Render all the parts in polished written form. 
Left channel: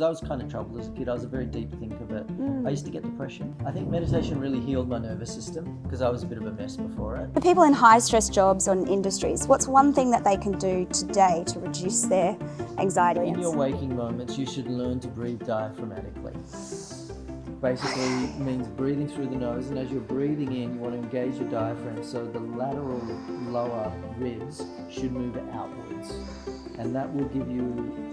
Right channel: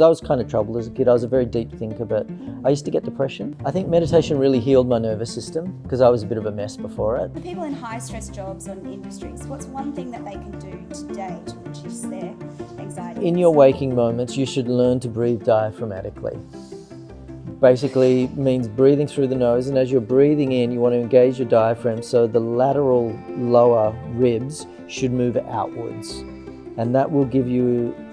I was kind of troubled as a kid. I was a very deep thinker, but I used to get depression. I think meditation really healed my nervous system because I was a bit of a mess before it. For people in high-stress jobs or in industries, what's one thing that they can do today to reduce their anxiety? In your waking moments, you should learn to breathe diaphragmatically. Basically means breathing through the nose, and as you're breathing in, you want to engage your diaphragm so the lateral lower ribs should move outwards. And that will give you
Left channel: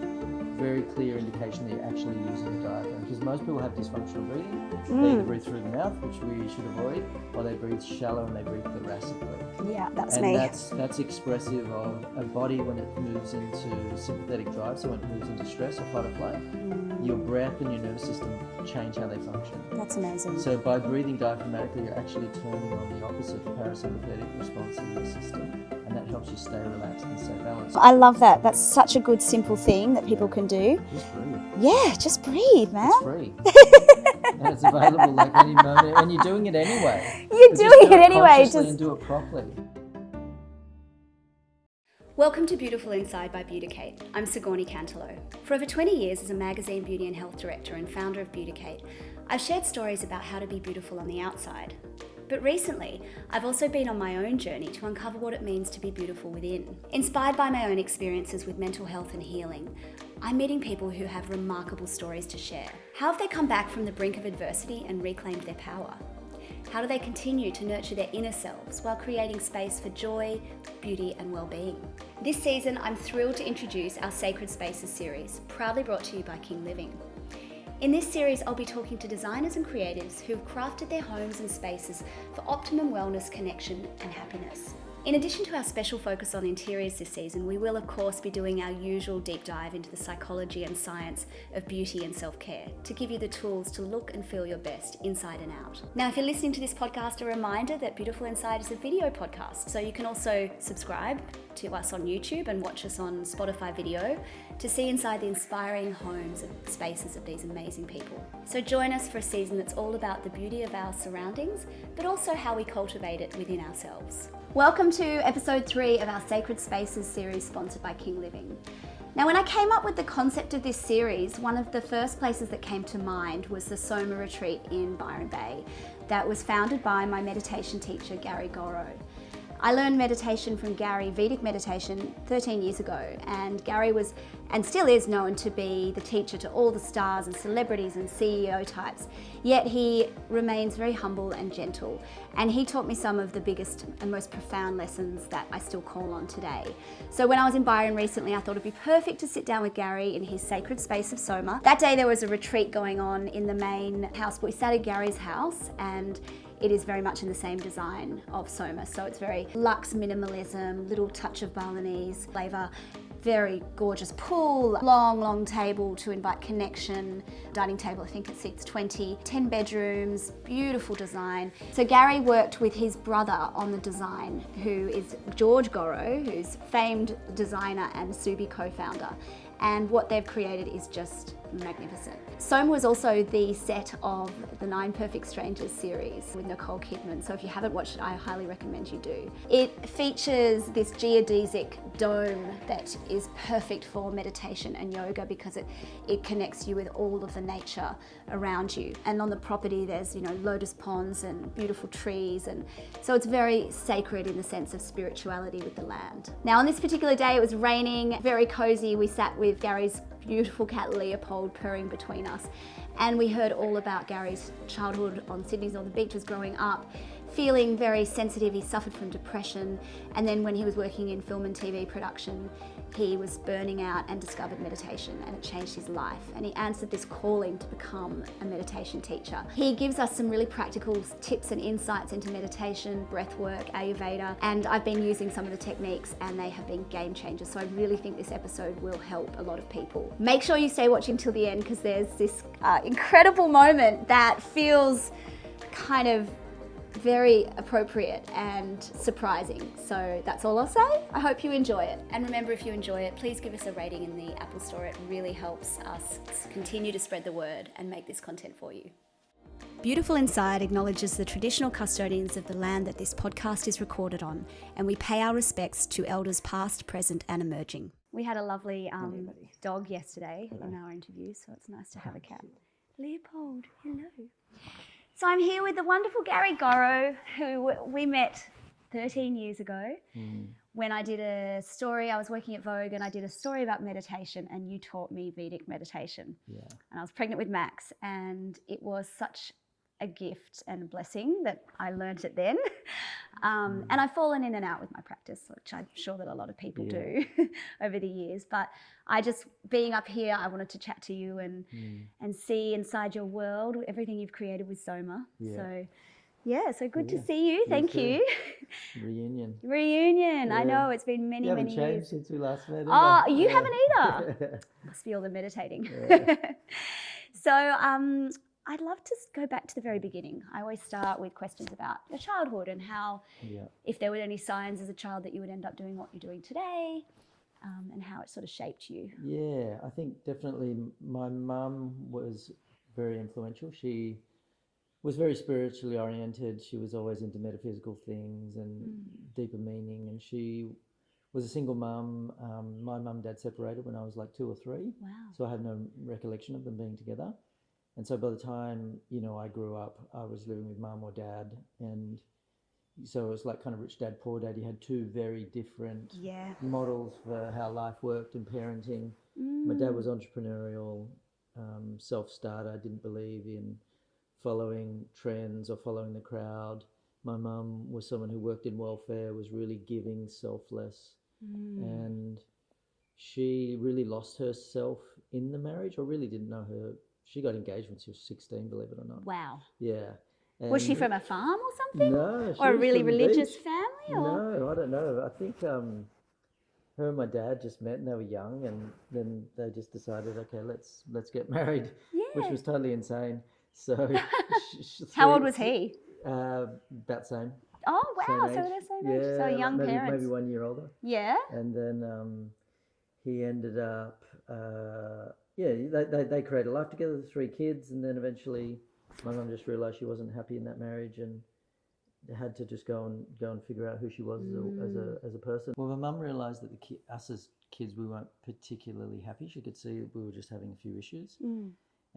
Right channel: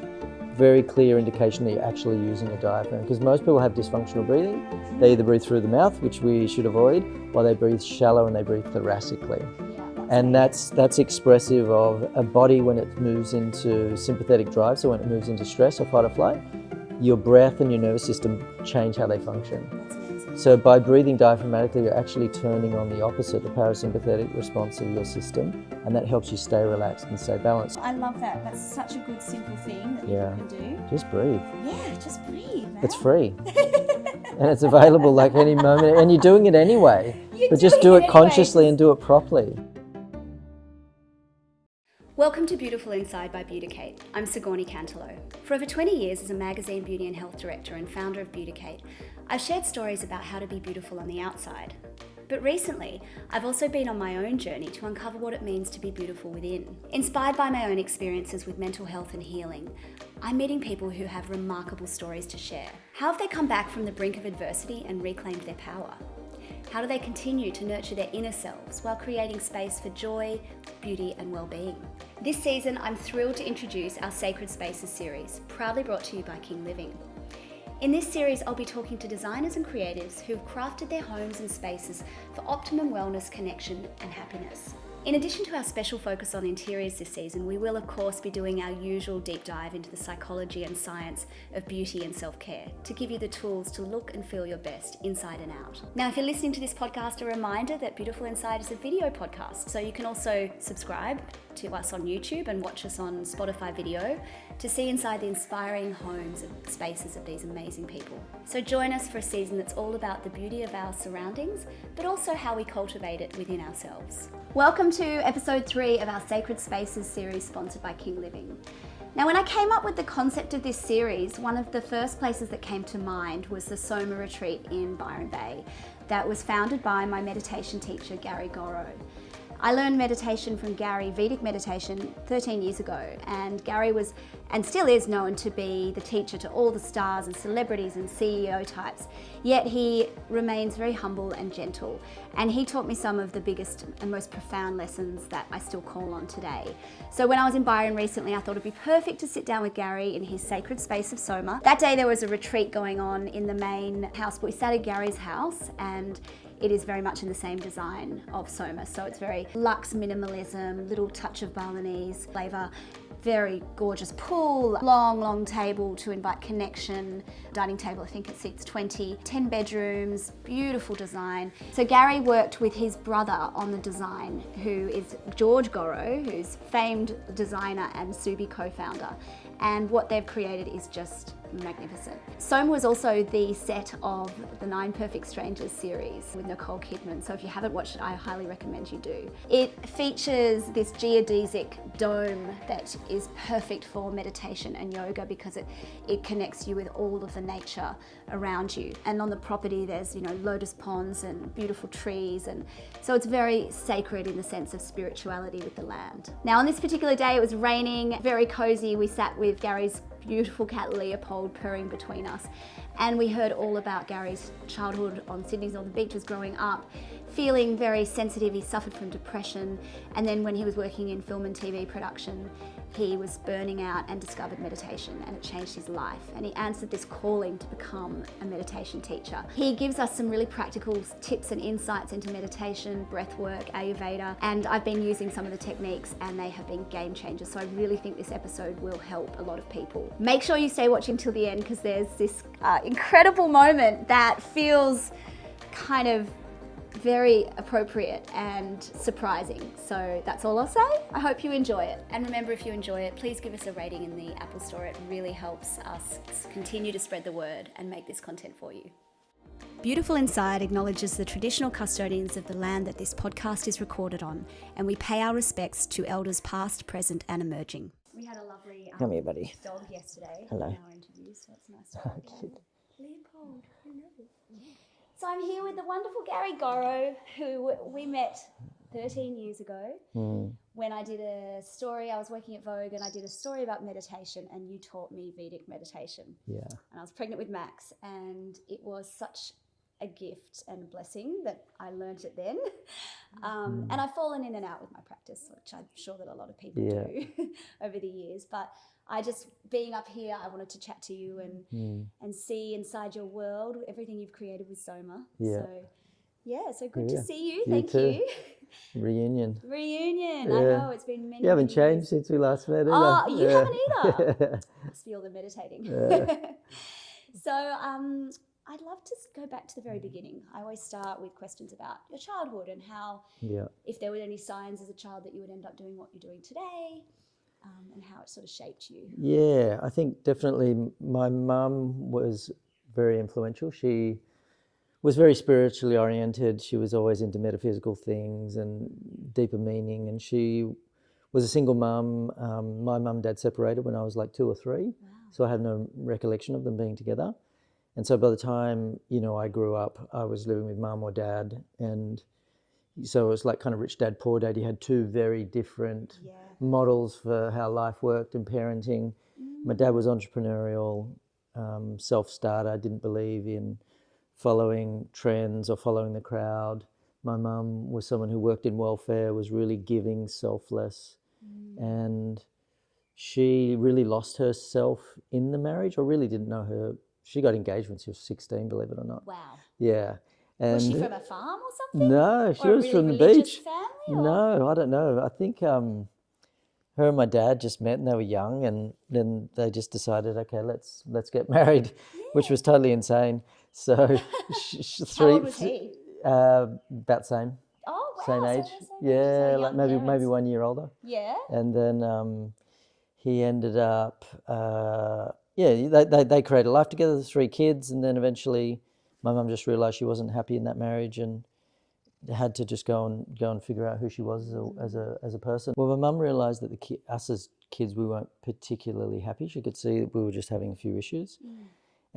very clear indication that you're actually using a diaphragm, because most people have dysfunctional breathing. They either breathe through the mouth, which we should avoid, or they breathe shallow and they breathe thoracically. Yeah, that's and me. that's expressive of a body when it moves into sympathetic drive, so when it moves into stress or fight or flight, your breath and your nervous system change how they function. That's amazing. So by breathing diaphragmatically, you're actually turning on the opposite, the parasympathetic response of your system, and that helps you stay relaxed and stay balanced. I love that. That's such a good, simple thing that people can do. Just breathe. Yeah, just breathe, man. It's free. And it's available like any moment, and you're doing it anyway. You're But doing just do it it anyway, consciously and do it properly. Welcome to Beautiful Inside by Beauticate. I'm Sigourney Cantelo. For over 20 years as a magazine beauty and health director and founder of Beauticate, I've shared stories about how to be beautiful on the outside. But recently, I've also been on my own journey to uncover what it means to be beautiful within. Inspired by my own experiences with mental health and healing, I'm meeting people who have remarkable stories to share. How have they come back from the brink of adversity and reclaimed their power? How do they continue to nurture their inner selves while creating space for joy, beauty, and well-being? This season, I'm thrilled to introduce our Sacred Spaces series, proudly brought to you by King Living. In this series, I'll be talking to designers and creatives who have crafted their homes and spaces for optimum wellness, connection, and happiness. In addition to our special focus on interiors this season, we will of course be doing our usual deep dive into the psychology and science of beauty and self-care to give you the tools to look and feel your best inside and out. Now, if you're listening to this podcast, a reminder that Beautiful Inside is a video podcast, so you can also subscribe to us on YouTube and watch us on Spotify video to see inside the inspiring homes and spaces of these amazing people. So join us for a season that's all about the beauty of our surroundings, but also how we cultivate it within ourselves. Welcome to episode 3 of our Sacred Spaces series sponsored by King Living. Now, when I came up with the concept of this series, one of the first places that came to mind was the Soma retreat in Byron Bay that was founded by my meditation teacher, George Gorrow. I learned meditation from Gary, Vedic Meditation, 13 years ago, and Gary was, and still is, known to be the teacher to all the stars and celebrities and CEO types, yet he remains very humble and gentle, and he taught me some of the biggest and most profound lessons that I still call on today. So when I was in Byron recently, I thought it'd be perfect to sit down with Gary in his sacred space of Soma. That day there was a retreat going on in the main house, but we sat at Gary's house, and it is very much in the same design of Soma. So it's very luxe minimalism, little touch of Balinese flavor, very gorgeous pool, long table to invite connection, dining table, I think it seats 20, 10 bedrooms, beautiful design. So Gary worked with his brother on the design, who is George Gorrow, who's famed designer and Subi co-founder. And what they've created is just magnificent. Soma was also the set of the 9 Perfect Strangers series with Nicole Kidman, so if you haven't watched it, I highly recommend you do. It features this geodesic dome that is perfect for meditation and yoga because it connects you with all of the nature around you. And on the property there's, lotus ponds and beautiful trees, and so it's very sacred in the sense of spirituality with the land. Now, on this particular day it was raining, very cozy. We sat with Gary's beautiful cat Leopold purring between us, and we heard all about Gary's childhood on Sydney's Northern Beaches growing up, feeling very sensitive. He suffered from depression, and then when he was working in film and TV production, he was burning out and discovered meditation, and it changed his life, and he answered this calling to become a meditation teacher. He gives us some really practical tips and insights into meditation, breath work, Ayurveda, and I've been using some of the techniques and they have been game changers, so I really think this episode will help a lot of people. Make sure you stay watching till the end because there's this incredible moment that feels kind of very appropriate and surprising. So that's all I'll say. I hope you enjoy it. And remember, if you enjoy it, please give us a rating in the Apple Store. It really helps us continue to spread the word and make this content for you. Beautiful Inside acknowledges the traditional custodians of the land that this podcast is recorded on, and we pay our respects to elders past, present, and emerging. We had a lovely Come here, buddy. dog yesterday Hello. in our interview, so it's nice to have a cat. Leopold, hello. So I'm here with the wonderful Gary Gorrow, who we met 13 years ago when I did a story. I was working at Vogue and I did a story about meditation, and you taught me Vedic meditation. Yeah. And I was pregnant with Max, and it was such a gift and a blessing that I learned it then. And I've fallen in and out with my practice, which I'm sure that a lot of people do over the years. But I just, being up here, I wanted to chat to you and see inside your world, everything you've created with Soma. Yeah. So good to see you. You Thank too. you. Reunion. I know, it's been many, You haven't many changed years. since we last met, Oh, have you haven't either. Must be all the meditating. So I'd love to go back to the very beginning. I always start with questions about your childhood and how, if there were any signs as a child that you would end up doing what you're doing today, and how it sort of shaped you. Yeah, I think definitely my mum was very influential. She was very spiritually oriented. She was always into metaphysical things and deeper meaning. And she was a single mum. My mum and dad separated when I was like 2 or 3. Wow. So I have no recollection of them being together. And so by the time, I grew up, I was living with mum or dad. And so it was like kind of rich dad, poor dad. You had 2 very different models for how life worked and parenting. My dad was entrepreneurial, self-starter, didn't believe in following trends or following the crowd. My mum was someone who worked in welfare, was really giving, selfless. And she really lost herself in the marriage, or really didn't know her. She got engaged when she was 16, believe it or not. Wow. Yeah. And Was she from a farm or something? no, she Or a was really from the religious beach. family? Or? No, I don't know. I think her and my dad just met and they were young, and then they just decided, okay, let's get married, which was totally insane. So How old was he? About the same. Oh, wow. Same So age. they're same age. So Yeah, young like parents. maybe 1 year older. Yeah. And then he ended up, they created a life together, 3 kids, and then eventually my mum just realised she wasn't happy in that marriage and had to just go and figure out who she was as a person. Well, my mum realised that us as kids, we weren't particularly happy. She could see that we were just having a few issues.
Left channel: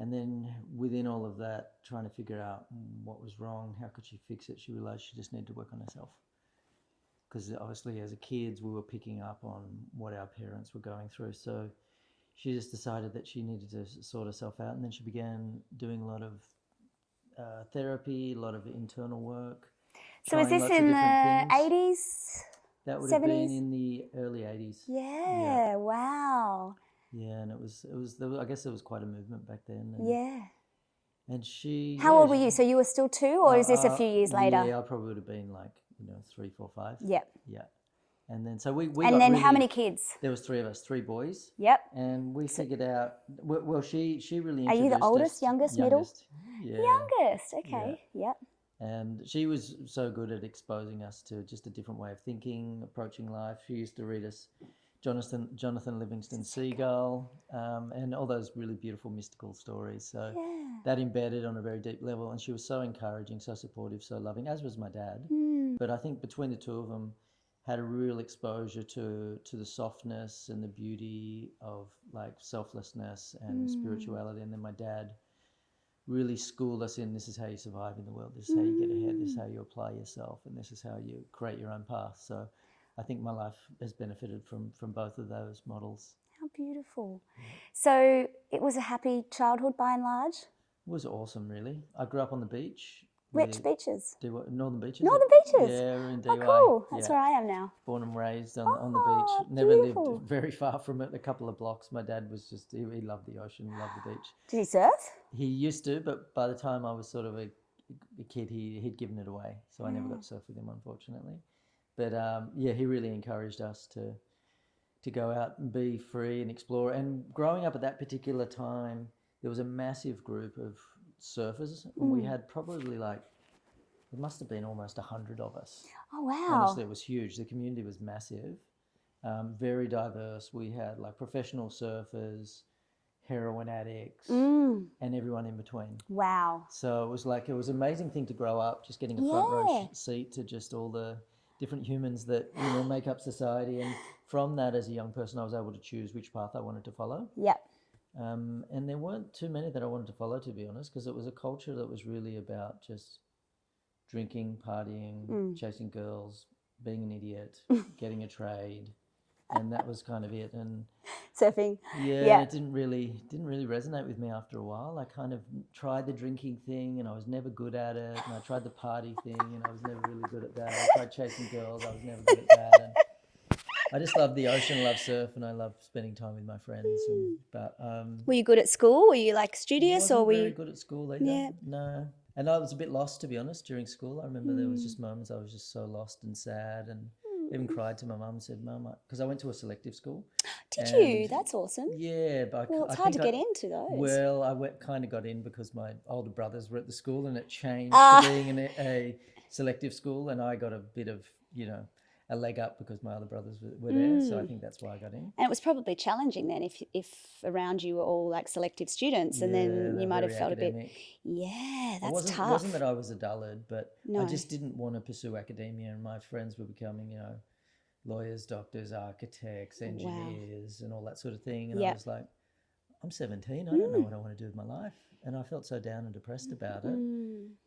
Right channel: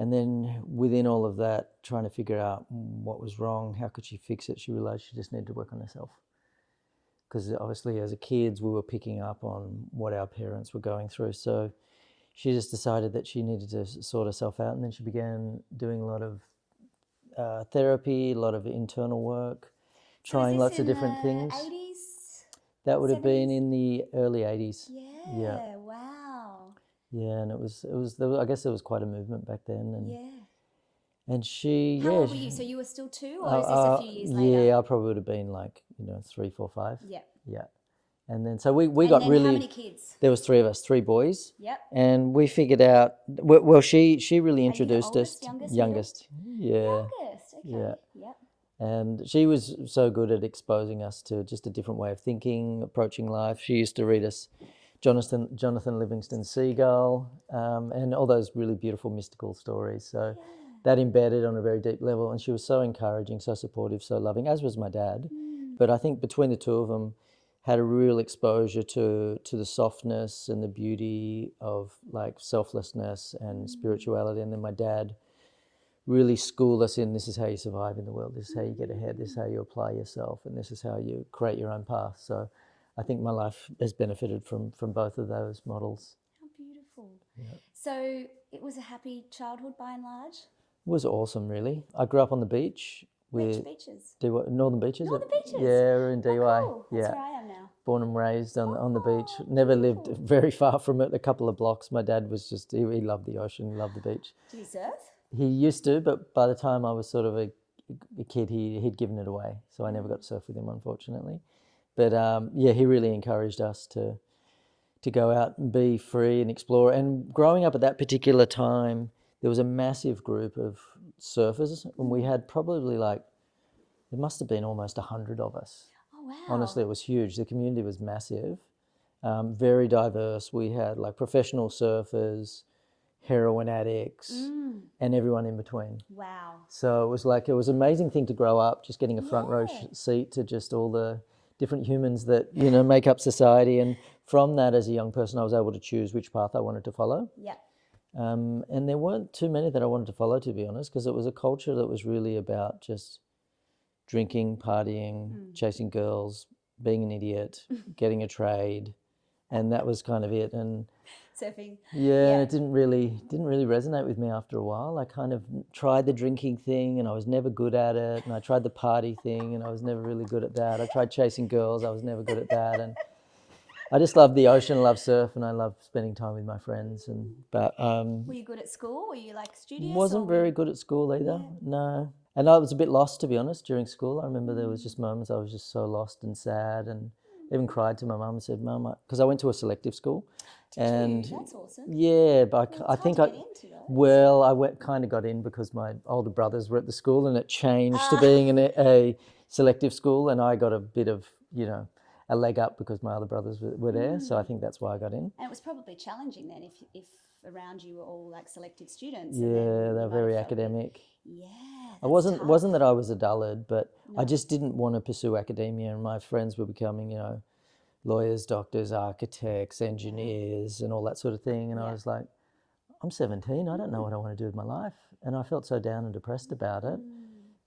And then within all of that, trying to figure out what was wrong, how could she fix it, she realised she just needed to work on herself. Because obviously as a kids, we were picking up on what our parents were going through. So she just decided that she needed to sort herself out. And then she began doing a lot of therapy, a lot of internal work, So is trying this lots in of different the things. 80s? That would have 70s? been in the early 80s. Yeah, wow. Yeah, and it was I guess there was quite a movement back then. And, and she... How old were you? So you were still 2, or is this a few years later? Yeah, I probably would have been like, 3, 4, 5. Yep. Yeah. And then so we And got then really... how many kids? There was 3 of us, 3 boys. Yep. And we figured out, well, she really Are introduced you the oldest, us. youngest, youngest. Yeah. Youngest, okay. Yep. And she was so good at exposing us to just a different way of thinking, approaching life. She used to read us Jonathan Livingston Seagull, and all those really beautiful mystical stories. So that embedded on a very deep level. And she was so encouraging, so supportive, so loving, as was my dad. But I think between the 2 of them, had a real exposure to the softness and the beauty of like selflessness and spirituality. And then my dad really schooled us in, this is how you survive in the world, this is how you get ahead, this is how you apply yourself, and this is how you create your own path. So I think my life has benefited from both of those models. How beautiful. So it was a happy childhood by and large? It was awesome, really. I grew up on the beach. Which beaches? Northern Beaches. Northern Beaches? Yeah, we're in DY. Oh, cool. That's where I am now. Born and raised on the beach. Never beautiful. lived very far from it, a couple of blocks. My dad was just, he loved the ocean, loved the beach. Did he surf? He used to, but by the time I was sort of a kid, he'd given it away. So I never got to surf with him, unfortunately. But he really encouraged us to go out and be free and explore. And growing up at that particular time, there was a massive group of surfers, and we had probably there must have been almost 100 of us. Oh, wow. Honestly, it was huge. The community was massive, very diverse. We had like professional surfers, heroin addicts, and everyone in between. Wow. So it was an amazing thing to grow up, just getting a front row seat to just all the different humans that make up society, and from that, as a young person, I was able to choose which path I wanted to follow. Yeah. And there weren't too many that I wanted to follow, to be honest, because it was a culture that was really about just drinking, partying, chasing girls, being an idiot, getting a trade, and that was kind of it. And Surfing. yeah, it didn't really resonate with me after a while. I kind of tried the drinking thing, and I was never good at it. And I tried the party thing, and I was never really good at that. I tried chasing girls, I was never good at that. And I just loved the ocean, I loved surf, and I loved spending time with my friends. But were you good at school? Were you like studious? wasn't or were very you... good at school either. Yeah. No. And I was a bit lost, to be honest, during school. I remember there was just moments I was just so lost and sad, and even cried to my mum and said, "Mum," because I went to a selective school. Did you? That's awesome. Yeah, but Well, I it's think hard to get into those. Well, I kind of got in because my older brothers were at the school, and it changed to being a selective school, and I got a bit of, a leg up because my other brothers were there. So I think that's why I got in. And it was probably challenging then if around you were all like selective students, and Yeah, then they're you might have very felt academic. a bit. Yeah, that's It wasn't tough. wasn't that I was a dullard, but No. I just didn't want to pursue academia, and my friends were becoming, lawyers, doctors, architects, engineers, and all that sort of thing. And I was like, I'm 17, I don't know what I want to do with my life. And I felt so down and depressed about it.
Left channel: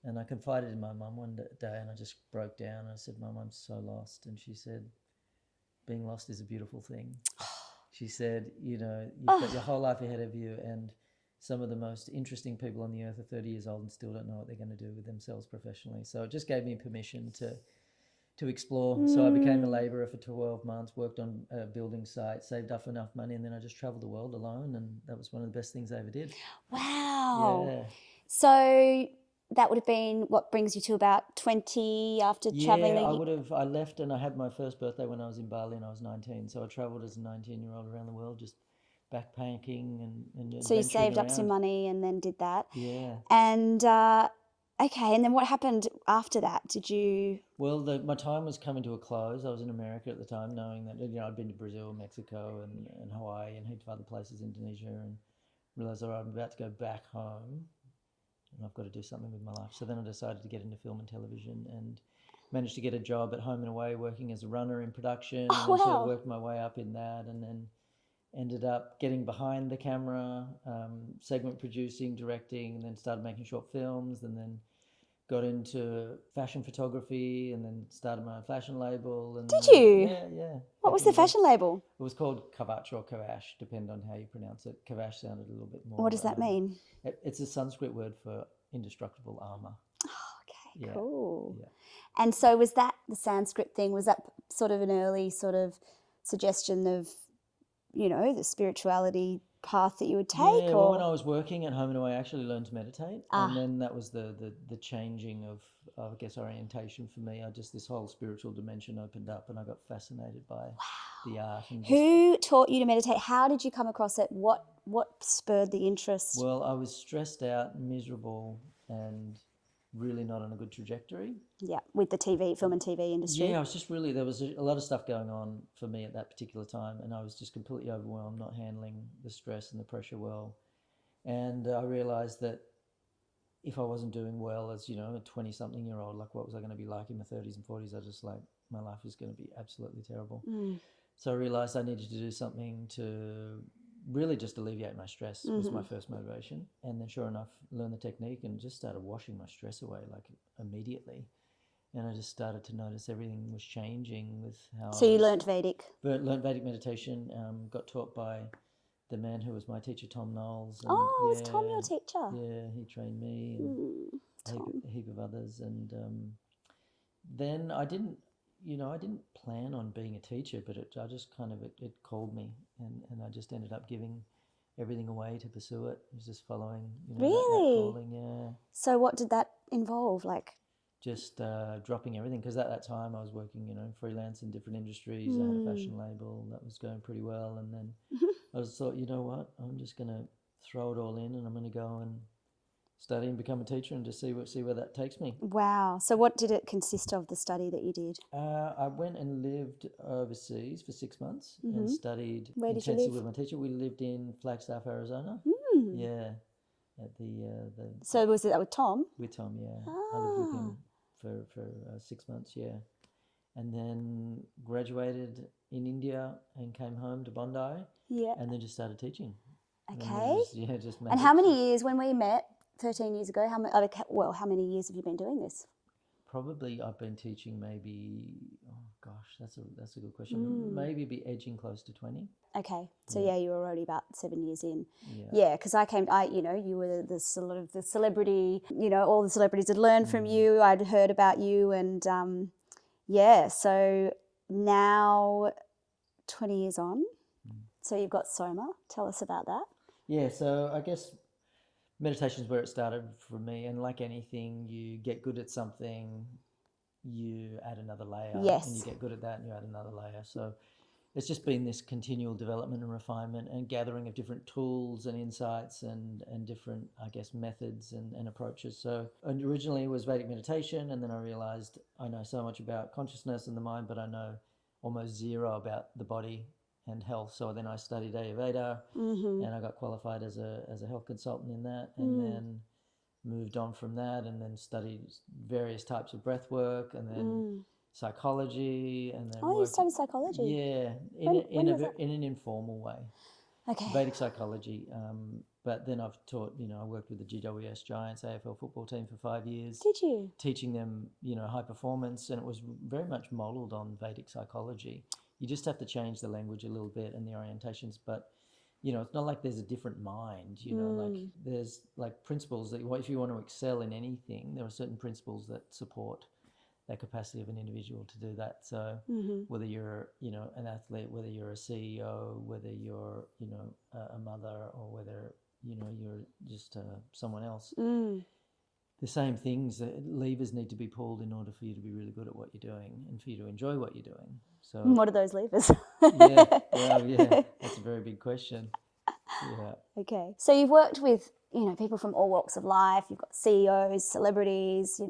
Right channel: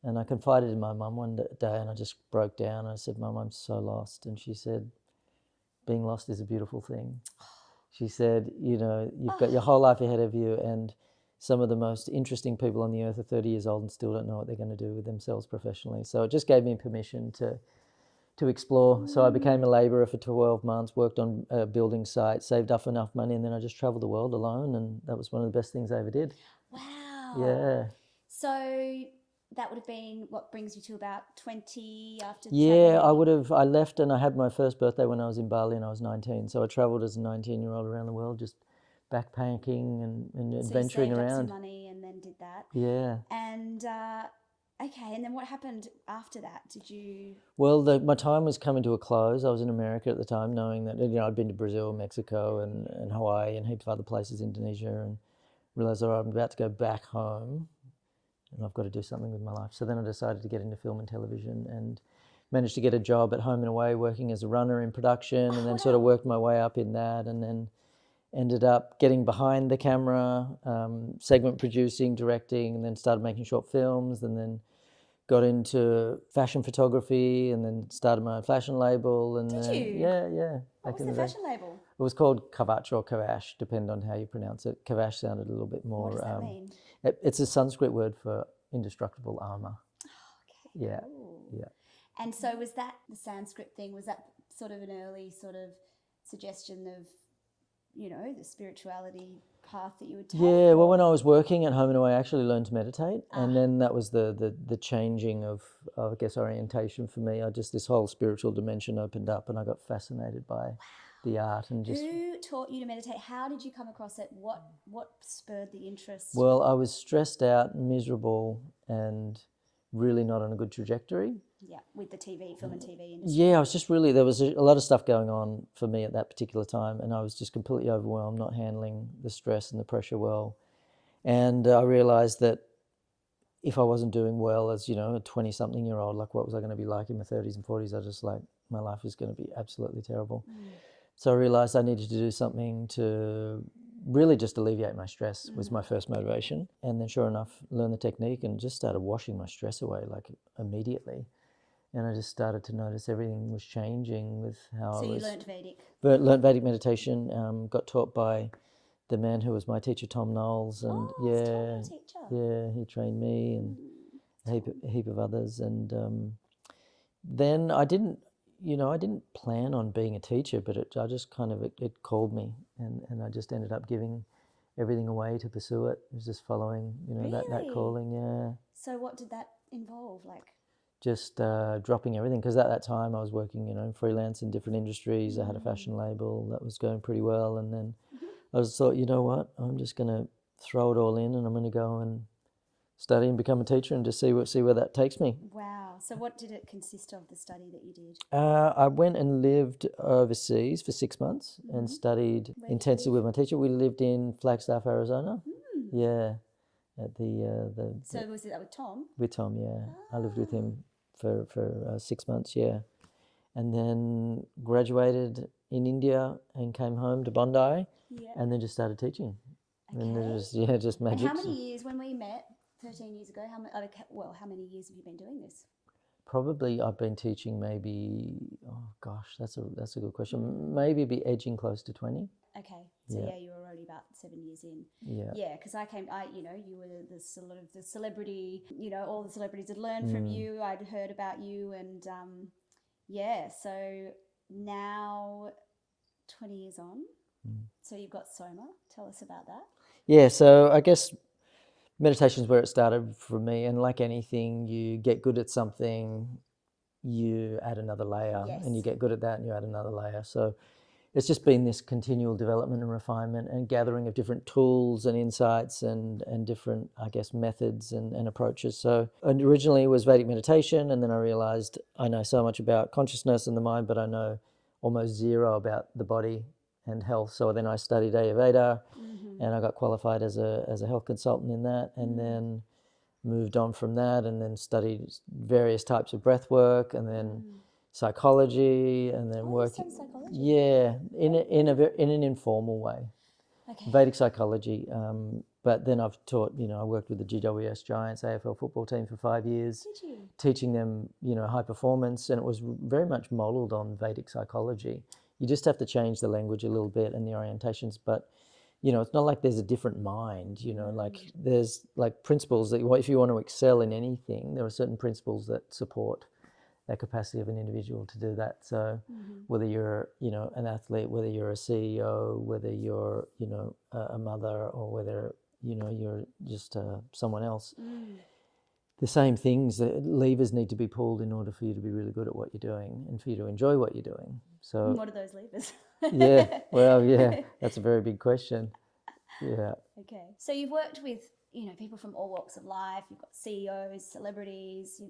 And I confided in my mum one day, and I just broke down. I said, "Mum, I'm so lost." And she said, "Being lost is a beautiful thing." She said, you've got your whole life ahead of you, and some of the most interesting people on the earth are 30 years old and still don't know what they're going to do with themselves professionally. So it just gave me permission to explore. So I became a labourer for 12 months, worked on a building site, saved up enough money, and then I just travelled the world alone, and that was one of the best things I ever did. Wow. Yeah. So that would have been what brings you to about 20 after travelling? Yeah, I left, and I had my first birthday when I was in Bali, and I was 19. So I travelled as a 19-year-old around the world, just backpacking and adventuring So you saved around. up some money and then did that? Yeah. And okay, and then what happened after that? Did you... Well, my time was coming to a close. I was in America at the time, knowing that I'd been to Brazil, Mexico, and Hawaii, and heaps of other places, Indonesia, and realised, I'm about to go back home, and I've got to do something with my life. So then I decided to get into film and television, and managed to get a job at Home and Away working as a runner in production, and then sort of worked my way up in that, and then ended up getting behind the camera, segment producing, directing, and then started making short films, and then got into fashion photography, and then started my own fashion label. And Did you? Yeah. What was the fashion label? It was called Kavach or Kavash, depending on how you pronounce it. Kavash sounded a little bit more... What does that mean? It's a Sanskrit word for indestructible armour. Okay, Yeah. cool. Yeah. And so was that the Sanskrit thing? Was that sort of an early sort of suggestion of, the spirituality path that you would take? Yeah, well, when I was working at Home and Away, I actually learned to meditate. And then that was the changing of, I guess, orientation for me. This whole spiritual dimension opened up, and I got fascinated by the art. And Who taught you to meditate? How did you come across it? What spurred the interest? Well, I was stressed out, miserable, and really not on a good trajectory. Yeah, with the film and TV industry. Yeah, I was just really, there was a lot of stuff going on for me at that particular time, and I was just completely overwhelmed, not handling the stress and the pressure well. And I realised that if I wasn't doing well as, a 20-something-year-old, like what was I going to be like in my 30s and 40s? I just my life was going to be absolutely terrible. So I realised I needed to do something to really just alleviate my stress was my first motivation. And then sure enough, learned the technique and just started washing my stress away immediately. And I just started to notice everything was changing with how So you learnt Vedic? Learned Vedic meditation, got taught by the man who was my teacher, Tom Knowles. And was Tom your teacher? Yeah, he trained me and a heap of others. And then I didn't plan on being a teacher, but it called me, and I just ended up giving everything away to pursue it. It was just following, that calling, yeah. So what did that involve, Just dropping everything, because at that time I was working, freelance in different industries. I had a fashion label that was going pretty well, and then I just thought, you know what, I'm just going to throw it all in, and I'm going to go and study and become a teacher and just see where that takes me. Wow. So what did it consist of, the study that you did? I went and lived overseas for 6 months and studied intensely with my teacher. We lived in Flagstaff, Arizona. Yeah. At the So was it that with Tom? With Tom, yeah. I lived with him for 6 months, yeah. And then graduated in India and came home to Bondi Yeah. and then just started teaching. Okay. And just And how many years, when we met 13 years ago, how many years have you been doing this? Probably I've been teaching maybe, oh gosh, that's a good question. Maybe be edging close to 20. Okay, so yeah, you were already about 7 years in. Yeah. Because you were the sort of the celebrity. All the celebrities had learned from you. I'd heard about you, and so now 20 years on. So you've got Soma. Tell us about that. Yeah, so I guess meditation is where it started for me, and like anything, you get good at something, you add another layer, and you get good at that and you add another layer. So it's just been this continual development and refinement and gathering of different tools and insights and different, I guess, methods and approaches. So originally it was Vedic meditation, and then I realized I know so much about consciousness and the mind, but I know almost zero about the body and health. So then I studied Ayurveda, and I got qualified as a health consultant in that, and then moved on from that, and then studied various types of breath work, and then psychology, and then you studied psychology? Yeah, in an informal way. Okay. Vedic psychology. But then I've taught, I worked with the GWS Giants AFL football team for 5 years. Did you? Teaching them, high performance, and it was very much modelled on Vedic psychology. You just have to change the language a little bit and the orientations, but it's not like there's a different mind, like there's like principles that if you want to excel in anything, there are certain principles that support that capacity of an individual to do that. So whether you're, an athlete, whether you're a CEO, whether you're, a mother, or whether, you're just someone else, the same things, the levers need to be pulled in order for you to be really good at what you're doing and for you to enjoy what you're doing. So what are those levers? That's a very big question. Yeah. Okay. So you've worked with, people from all walks of life. You've got CEOs, celebrities,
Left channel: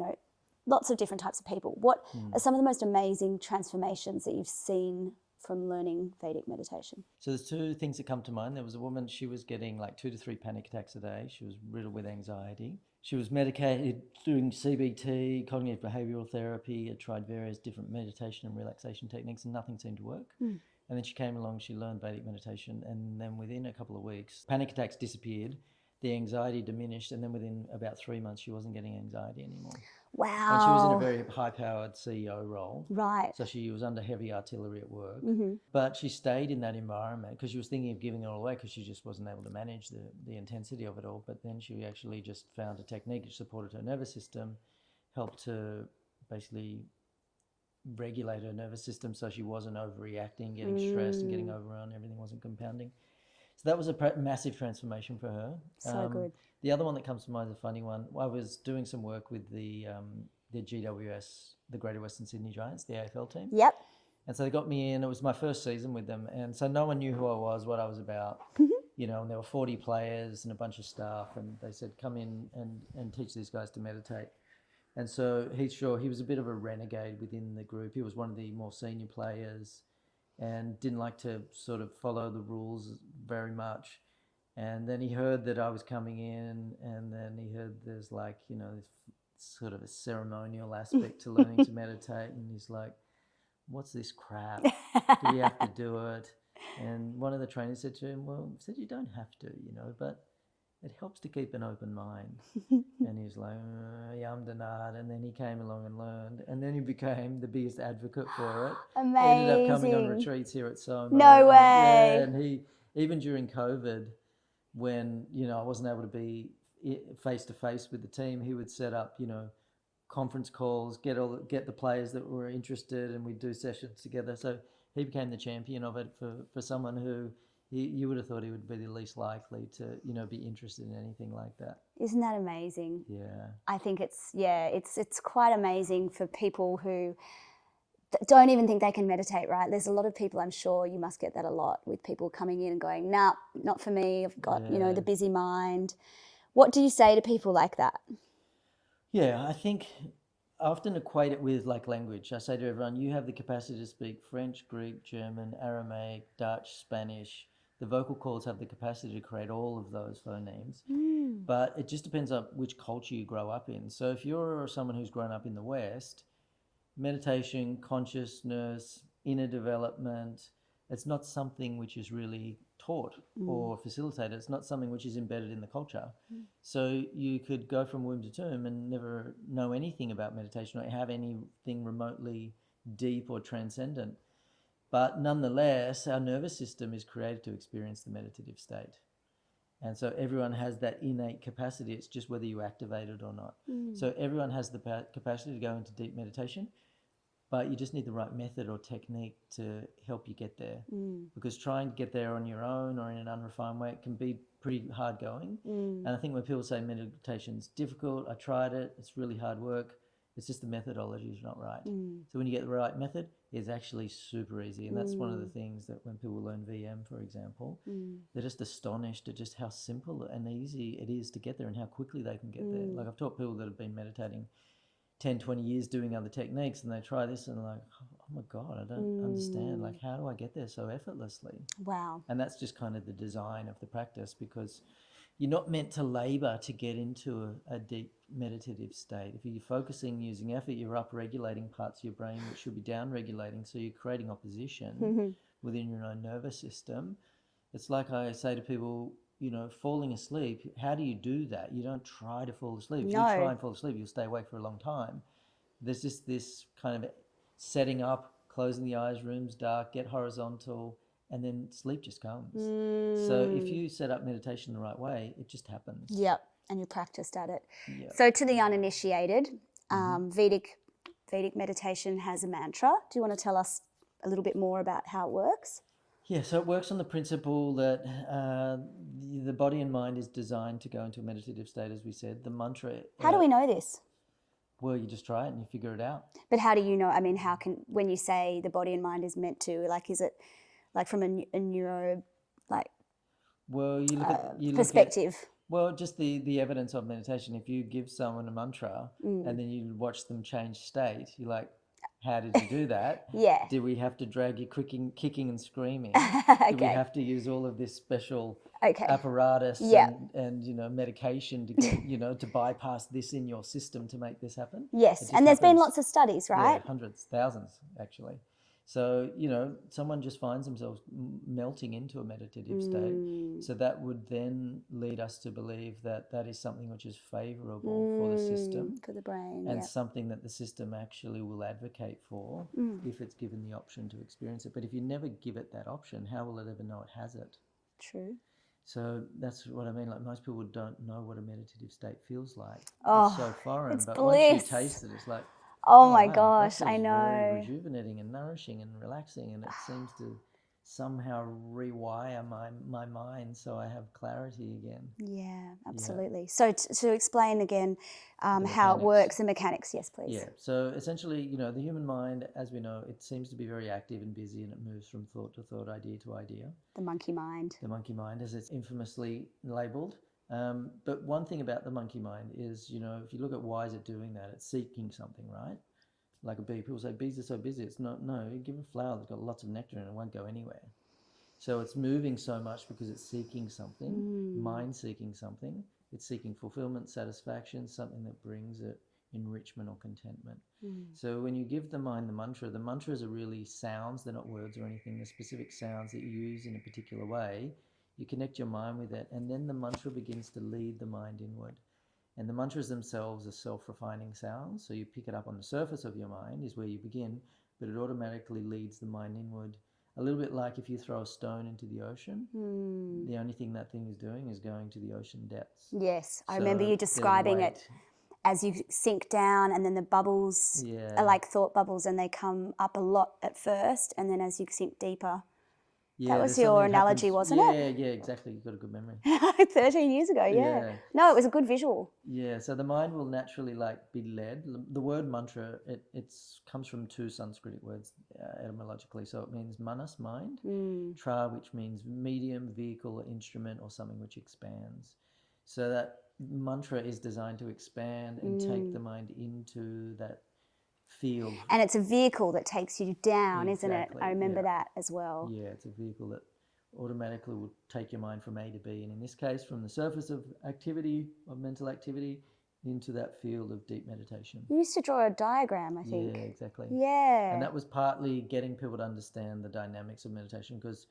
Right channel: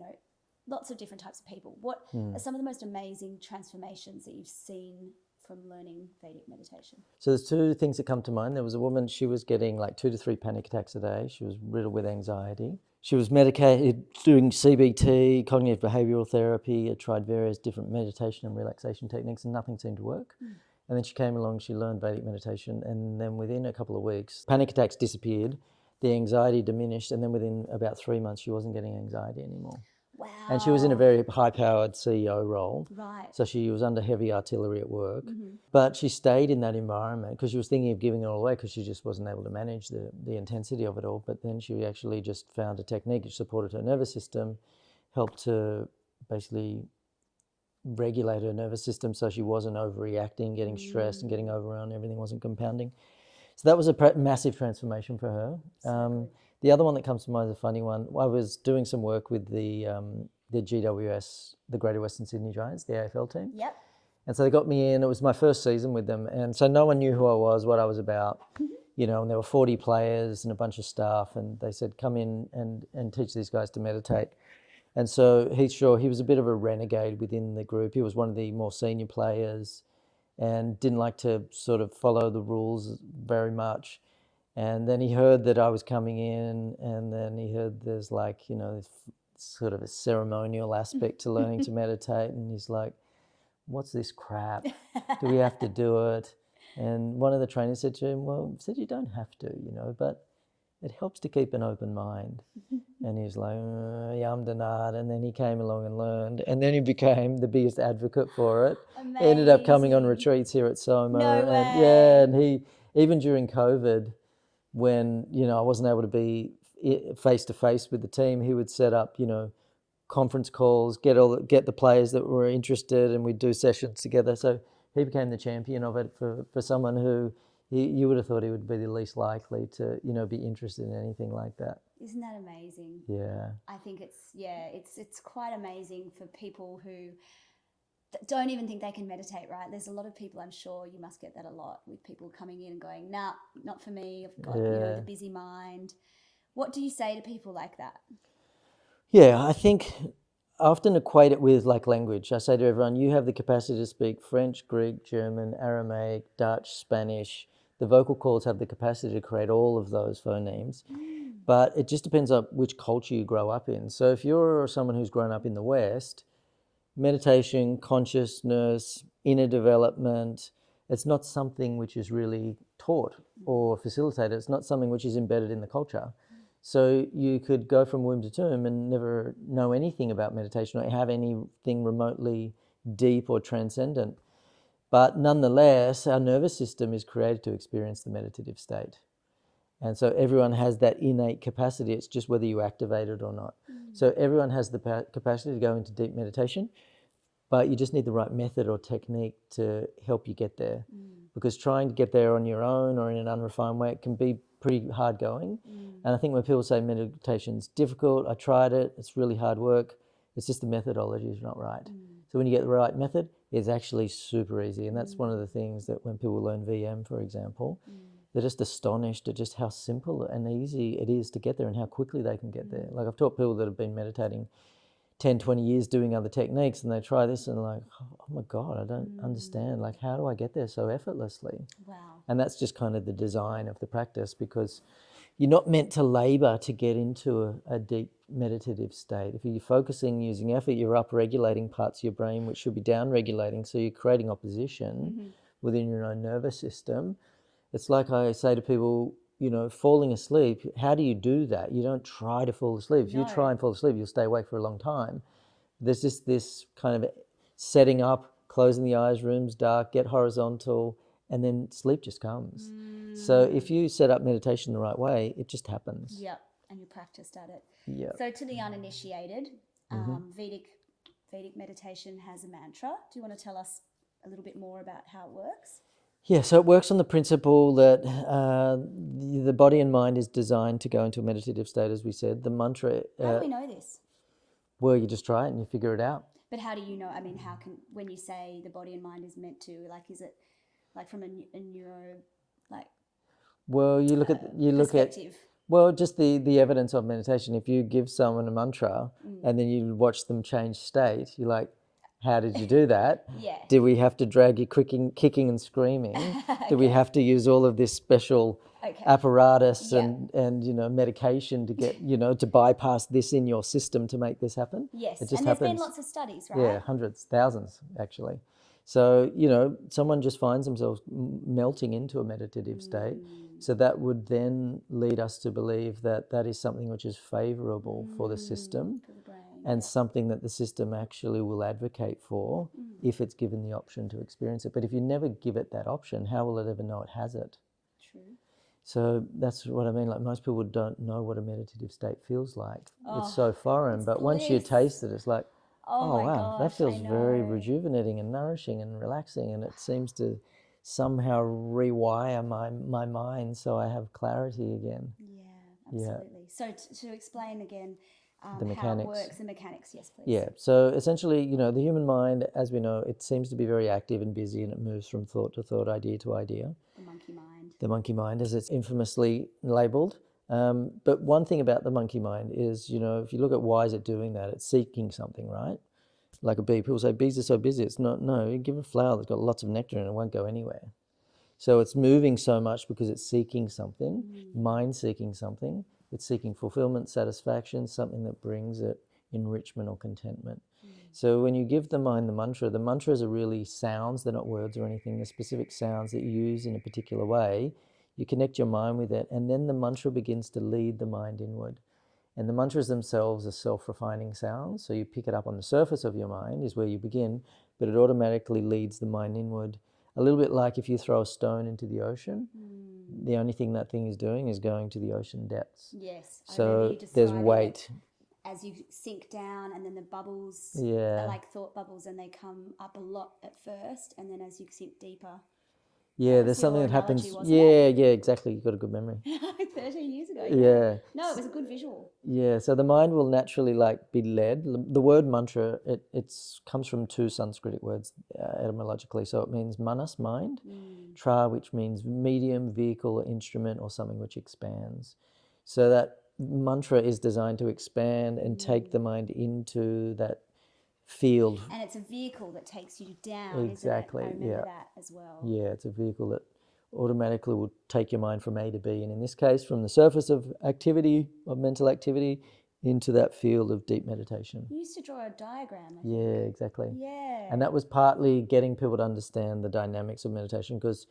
lots of different types of people. What are some of the most amazing transformations that you've seen from learning Vedic meditation? So there's two things that come to mind. There was a woman, she was getting like 2 to 3 panic attacks a day. She was riddled with anxiety. She was medicated, doing CBT, cognitive behavioural therapy. I tried various different meditation and relaxation techniques, and nothing seemed to work. And then she came along, she learned Vedic meditation, and then within a couple of weeks, panic attacks disappeared, the anxiety diminished, and then within about 3 months, she wasn't getting anxiety anymore. Wow. And she was in a very high-powered CEO role. Right. So she was under heavy artillery at work. But she stayed in that environment because she was thinking of giving it all away because she just wasn't able to manage the intensity of it all. But then she actually just found a technique which supported her nervous system, helped to basically regulate her nervous system so she wasn't overreacting, getting stressed and getting overrun, everything wasn't compounding. So that was a massive transformation for her. So good. The other one that comes to mind is a funny one. I was doing some work with the GWS, the Greater Western Sydney Giants, the AFL team. Yep. And so they got me in. It was my first season with them. And so no one knew who I was, what I was about, and there were 40 players and a bunch of staff. And they said, come in and teach these guys to meditate. And so he was a bit of a renegade within the group. He was one of the more senior players and didn't like to sort of follow the rules very much. And then he heard that I was coming in, and then he heard there's like, this sort of a ceremonial aspect to learning to meditate. And he's like, what's this crap? Do we have to do it? And one of the trainers said to him, well, said you don't have to, but it helps to keep an open mind. And he's like, yamdanad. And then he came along and learned. And then he became the biggest advocate for it. Amazing. He ended up coming on retreats here at Soma. No way. And he, even during COVID, when, I wasn't able to be face-to-face with the team, he would set up, conference calls, get the players that were interested, and we'd do sessions together. So he became the champion of it for someone who you would have thought he would be the least likely to, be interested in anything like that. Isn't that amazing? Yeah. I think it's quite amazing for people who don't even think they can meditate, right? There's a lot of people, I'm sure you must get that a lot, with people coming in and going, nah, not for me. I've got, the busy mind. What do you say to people like that? Yeah, I think I often equate it with like language. I say to everyone, you have the capacity to speak French, Greek, German, Aramaic, Dutch, Spanish. The vocal cords have the capacity to create all of those phonemes. But it just depends on which culture you grow up in. So if you're someone who's grown up in the West, meditation, consciousness, inner development. It's not something which is really taught or facilitated. It's not something which is embedded in the culture. So you could go from womb to tomb and never know anything about meditation or have anything remotely deep or transcendent. But nonetheless, our nervous system is created to experience the meditative state. And so everyone has that innate capacity. It's just whether you activate it or not. So everyone has the capacity to go into deep meditation, but you just need the right method or technique to help you get there. Because trying to get there on your own or in an unrefined way, it can be pretty hard going. And I think when people say meditation's difficult, I tried it, it's really hard work, it's just the methodology is not right. So when you get the right method, it's actually super easy. And that's one of the things that when people learn VM, for example, they're just astonished at just how simple and easy it is to get there and how quickly they can get there. Like I've taught people that have been meditating 10, 20 years doing other techniques and they try this and like, oh my God, I don't understand. Like, how do I get there so effortlessly? Wow. And that's just kind of the design of the practice, because you're not meant to labor to get into a deep meditative state. If you're focusing using effort, you're up-regulating parts of your brain which should be down-regulating, so you're creating opposition within your own nervous system. It's like I say to people, you know, falling asleep, how do you do that? You don't try to fall asleep. If you try and fall asleep, you'll stay awake for a long time. There's just this kind of setting up, closing the eyes, room's dark, get horizontal, and then sleep just comes. So if you set up meditation the right way, it just happens. Yep, and you practiced at it. Yep. So to the uninitiated, Vedic meditation has a mantra. Do you want to tell us a little bit more about how it works? Yeah, so it works on the principle that the body and mind is designed to go into a meditative state, as we said. The mantra... How do we know this? Well, you just try it and you figure it out. But how do you know? I mean, how can, when you say the body and mind is meant to, like, is it like from a neuro, like, well, you look at perspective? Well, just the evidence of meditation. If you give someone a mantra and then you watch them change state, you're like, how did you do that? Yeah. Did we have to drag you kicking and screaming? Did we have to use all of this special apparatus and you know, medication to get, you know, to bypass this in your system to make this happen? Yes, and there's been lots of studies, right? Yeah, hundreds, thousands actually. So, you know, someone just finds themselves melting into a meditative state. So that would then lead us to believe that that is something which is favourable for the system. For the brain. And something that the system actually will advocate for if it's given the option to experience it. But if you never give it that option, how will it ever know it has it? True. So that's what I mean. Like, most people don't know what a meditative state feels like. It's so foreign. But once you taste it, it's like, oh my wow, gosh, that feels I know. very rejuvenating and nourishing and relaxing, and it seems to somehow rewire my mind so I have clarity again. Yeah, absolutely. So to explain again how it works, the mechanics, yes, please. Yeah, so essentially, you know, the human mind, as we know, it seems to be very active and busy, and it moves from thought to thought, idea to idea. The monkey mind. The monkey mind, as it's infamously labelled. But one thing about the monkey mind is, you know, if you look at why is it doing that, it's seeking something, right? Like a bee. People say bees are so busy. It's not, no, you give a flower that's got lots of nectar in it, it won't go anywhere. So it's moving so much because it's seeking something, mind seeking something. It's seeking fulfillment, satisfaction, something that brings it enrichment or contentment. So when you give the mind the mantras are really sounds, they're not words or anything, they're specific sounds that you use in a particular way. You connect your mind with it, and then the mantra begins to lead the mind inward. And the mantras themselves are self-refining sounds, so you pick it up on the surface of your mind is where you begin, but it automatically leads the mind inward. A little bit like if you throw a stone into the ocean, the only thing that thing is doing is going to the ocean depths. Yes, I remember you describing it as you sink down, and then the bubbles are like thought bubbles, and they come up a lot at first, and then as you sink deeper. Yeah, that was your analogy, wasn't it? Yeah, exactly. You've got a good memory. 13 years ago, yeah. No, it was a good visual. Yeah, so the mind will naturally be led. The word mantra, it comes from two Sanskrit words etymologically. So it means manas, mind, tra, which means medium, vehicle, instrument, or something which expands. So that mantra is designed to expand and take the mind into that field. And it's a vehicle that takes you down, isn't it? I remember that as well. Yeah, it's a vehicle that automatically will take your mind from A to B, and in this case from the surface of activity, of mental activity, into that field of deep meditation. You used to draw a diagram, I think. Yeah, exactly. Yeah. And that was partly getting people to understand the dynamics of meditation, because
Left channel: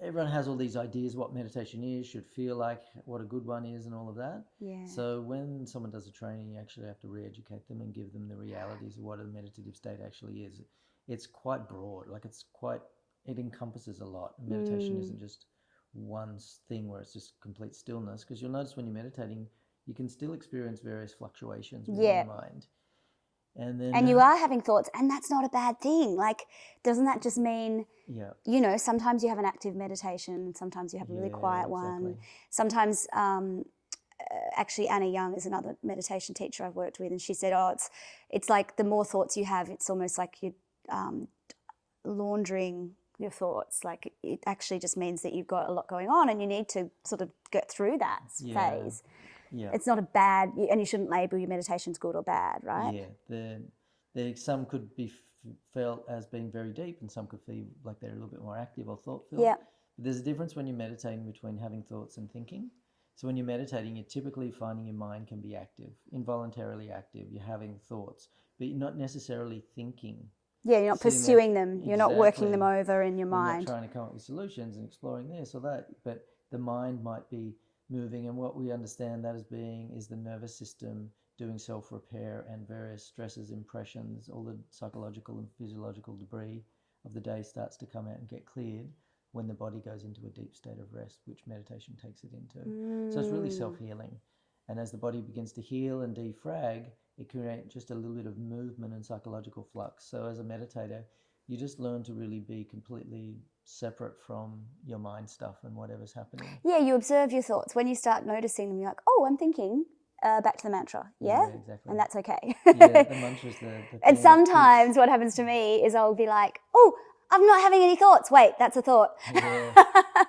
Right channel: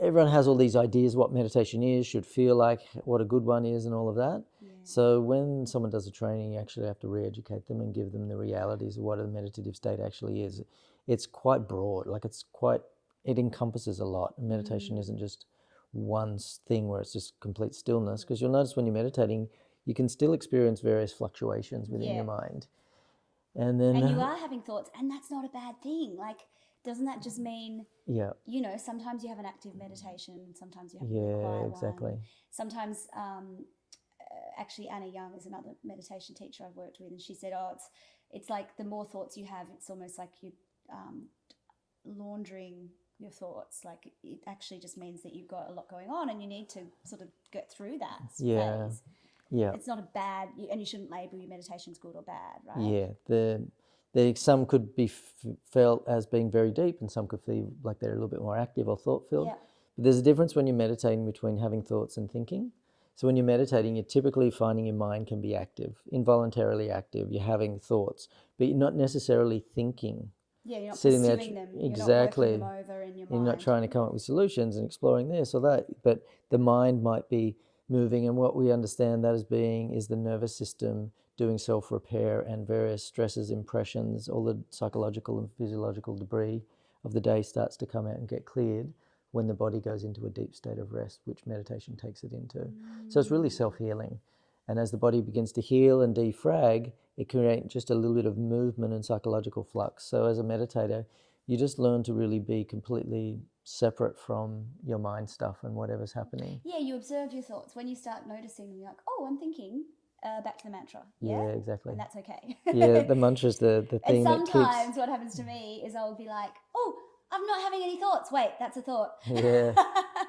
everyone has all these ideas what meditation is, should feel like, what a good one is, and all of that. Yeah. So when someone does a training, you actually have to re-educate them and give them the realities of what a meditative state actually is. It's quite broad, like it encompasses a lot. Meditation isn't just one thing where it's just complete stillness, because you'll notice when you're meditating, you can still experience various fluctuations within your mind. And then And you are having thoughts, and that's not a bad thing. Like, doesn't that just mean, yeah, you know, sometimes you have an active meditation, sometimes you have a really quiet one. Sometimes, actually, Anna Young is another meditation teacher I've worked with, and she said, it's like the more thoughts you have, it's almost like you're laundering your thoughts. Like, it actually just means that you've got a lot going on, and you need to sort of get through that phase. Yeah. It's not a bad, and you shouldn't label your meditations good or bad, right? Yeah. Some could be felt as being very deep, and some could feel like they're a little bit more active or thought-filled. Yeah. But there's a difference when you're meditating between having thoughts and thinking. So when you're meditating, you're typically finding your mind can be active, involuntarily active. You're having thoughts, but you're not necessarily thinking. Yeah, you're not pursuing them. You're not working them over in your mind. You're not trying to come up with solutions and exploring this or that, but the mind might be moving, and what we understand that as being is the nervous system doing self-repair, and various stresses, impressions, all the psychological and physiological debris of the day starts to come out and get cleared when the body goes into a deep state of rest, which meditation takes it into. So it's really self-healing. And as the body begins to heal and defrag, it creates just a little bit of movement and psychological flux. So as a meditator, you just learn to really be completely separate from your mind stuff and whatever's happening. Yeah, you observe your thoughts. When you start noticing them, you're like, oh, I'm thinking. Back to the mantra. Yeah, exactly. And that's okay. Yeah, the mantra's the thing. And sometimes what happens to me is I'll be like, oh, I'm not having any thoughts. Wait, that's a thought. Yeah,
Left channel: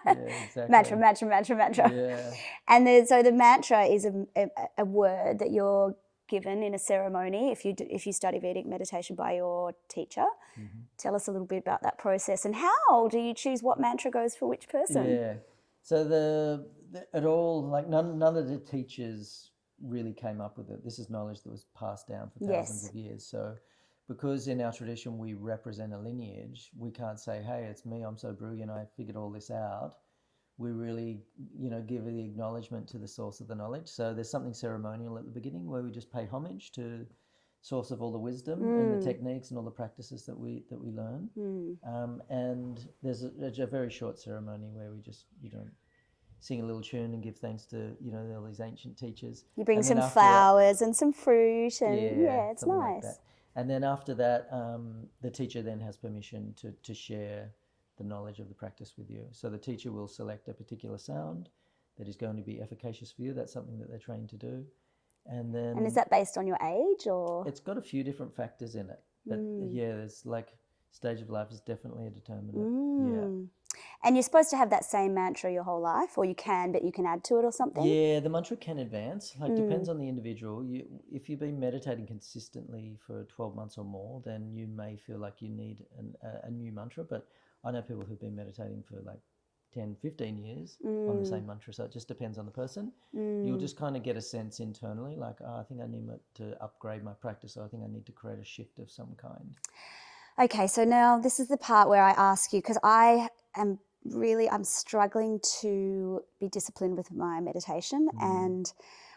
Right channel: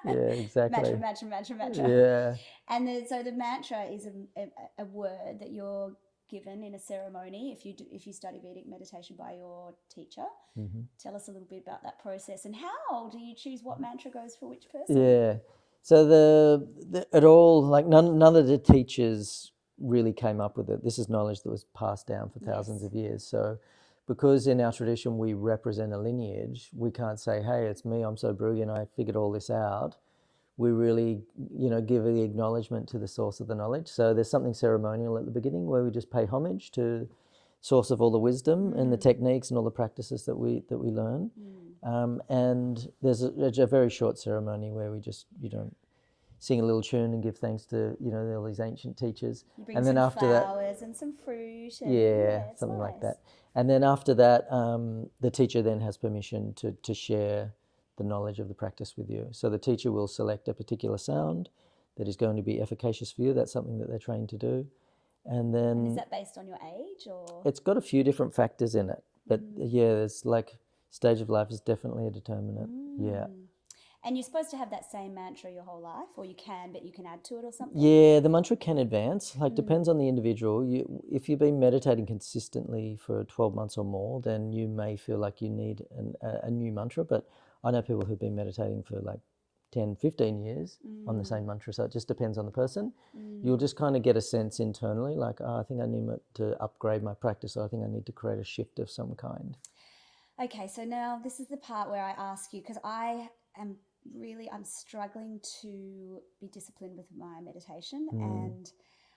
exactly. Mantra. Yeah. And so the mantra is a word that you're given in a ceremony if you study Vedic meditation by your teacher. Mm-hmm. Tell us a little bit about that process, and how do you choose what mantra goes for which person? Yeah. So it all, like none of the teachers really came up with it. This is knowledge that was passed down for thousands of years. So because in our tradition we represent a lineage, we can't say, hey, it's me, I'm so brilliant, I figured all this out. We really, give the acknowledgement to the source of the knowledge. So there's something ceremonial at the beginning where we just pay homage to source of all the wisdom and the techniques and all the practices that we learn. And there's a very short ceremony where we just, sing a little tune and give thanks to, all these ancient teachers. You bring some flowers and some fruit, and it's something nice. Like that. And then after that, the teacher then has permission to share the knowledge of the practice with you. So the teacher will select a particular sound that is going to be efficacious for you. That's something that they're trained to do. And is that based on your age, or? It's got a few different factors in it. But it's like stage of life is definitely a determinant. Yeah. And you're supposed to have that same mantra your whole life, or you can, but you can add to it or something? Yeah, the mantra can advance. Depends on the individual. If you've been meditating consistently for 12 months or more, then you may feel like you need a new mantra. But I know people who've been meditating for like 10, 15 years on the same mantra. So it just depends on the person. You'll just kind of get a sense internally, like, I think I need to upgrade my practice. Or I think I need to create a shift of some kind. Okay, so now this is the part where I ask you, because I'm struggling to be disciplined with my meditation, and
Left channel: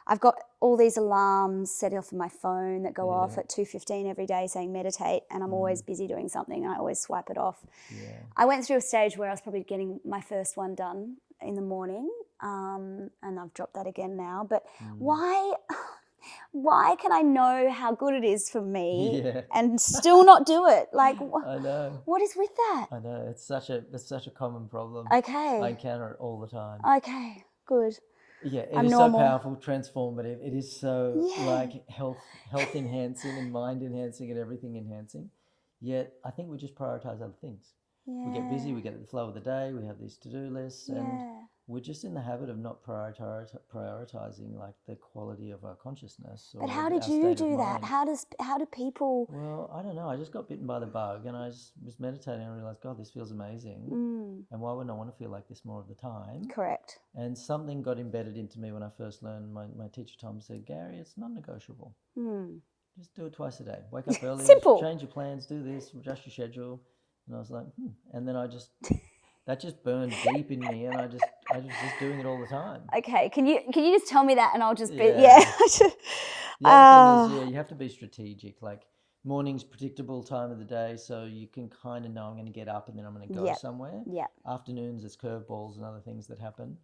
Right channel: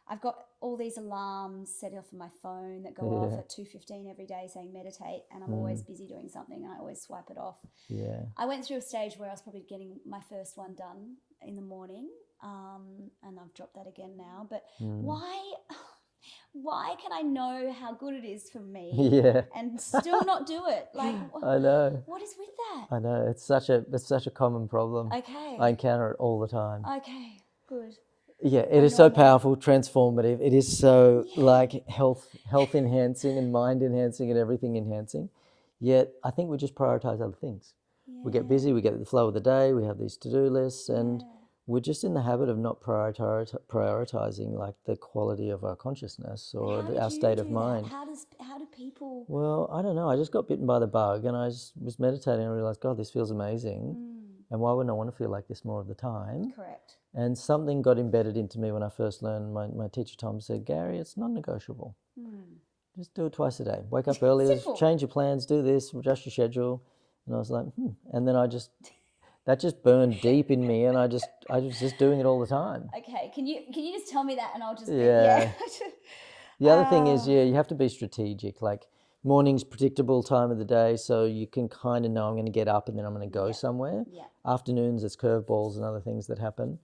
I've got all these alarms set off on my phone that go off at 2:15 every day saying meditate, and I'm always busy doing something and I always swipe it off. Yeah. I went through a stage where I was probably getting my first one done in the morning, and I've dropped that again now, but why can I know how good it is for me and still not do it? Like, I know. What is with that? I know. It's such a common problem. Okay. I encounter it all the time. Okay, good. Yeah, it is so powerful, transformative. It is so like health enhancing and mind enhancing and everything enhancing. Yet I think we just prioritize other things. Yeah. We get busy, we get the flow of the day, we have these to-do lists, and we're just in the habit of not prioritizing like the quality of our consciousness or But how our did you state of do mind. that? How do people? Well, I don't know. I just got bitten by the bug, and I just was meditating and realized, God, this feels amazing. And why wouldn't I want to feel like this more of the time? Correct. And something got embedded into me when I first learned. My teacher Tom said, Gary, it's not negotiable. Just do it twice a day. Wake up early, Simple. change your plans, do this, adjust your schedule. And I was like, And then that just burned deep in me, and I was just doing it all the time. Okay, can you just tell me that, and I'll just be The other thing is, you have to be strategic. Like morning's predictable time of the day, so you can kind of know I'm going to get up and then I'm going to go somewhere. Yeah. Afternoons, it's curveballs and other things that happen.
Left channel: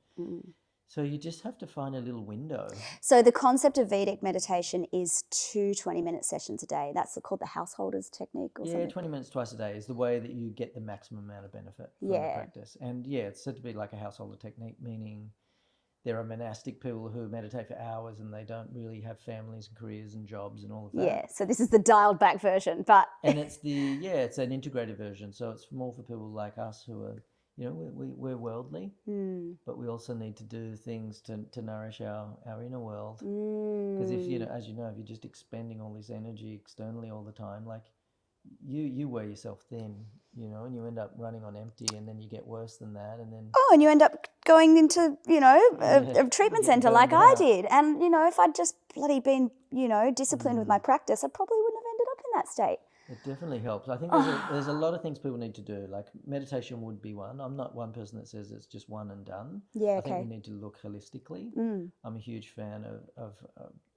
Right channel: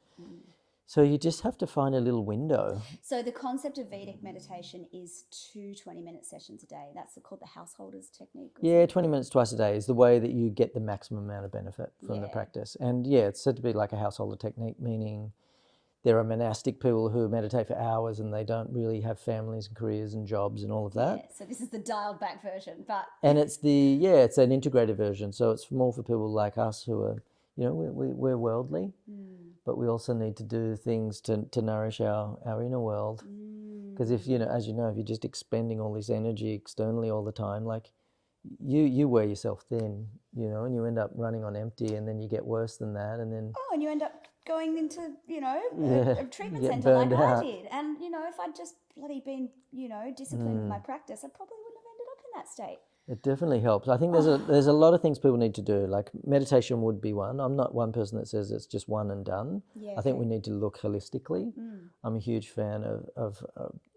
So you just have to find a little window. So the concept of Vedic meditation is 2 20-minute sessions a day. That's called the householder's technique. Or something. 20 minutes twice a day is the way that you get the maximum amount of benefit from the practice. And it's said to be like a householder technique, meaning there are monastic people who meditate for hours and they don't really have families and careers and jobs and all of that. Yeah, so this is the dialed back version, but... And it's it's an integrated version. So it's more for people like us who are, we're worldly, but we also need to do things to nourish our inner world. Because if as you know, if you're just expending all this energy externally all the time, like you wear yourself thin, and you end up running on empty, and then you get worse than that, and then and you end up going into a treatment center like I did, and if I'd just bloody been disciplined with my practice, I probably wouldn't have ended up in that state. It definitely helps. I think there's a lot of things people need to do. Like meditation would be one. I'm not one person that says it's just one and done. Yeah, I think we need to look holistically. I'm a huge fan of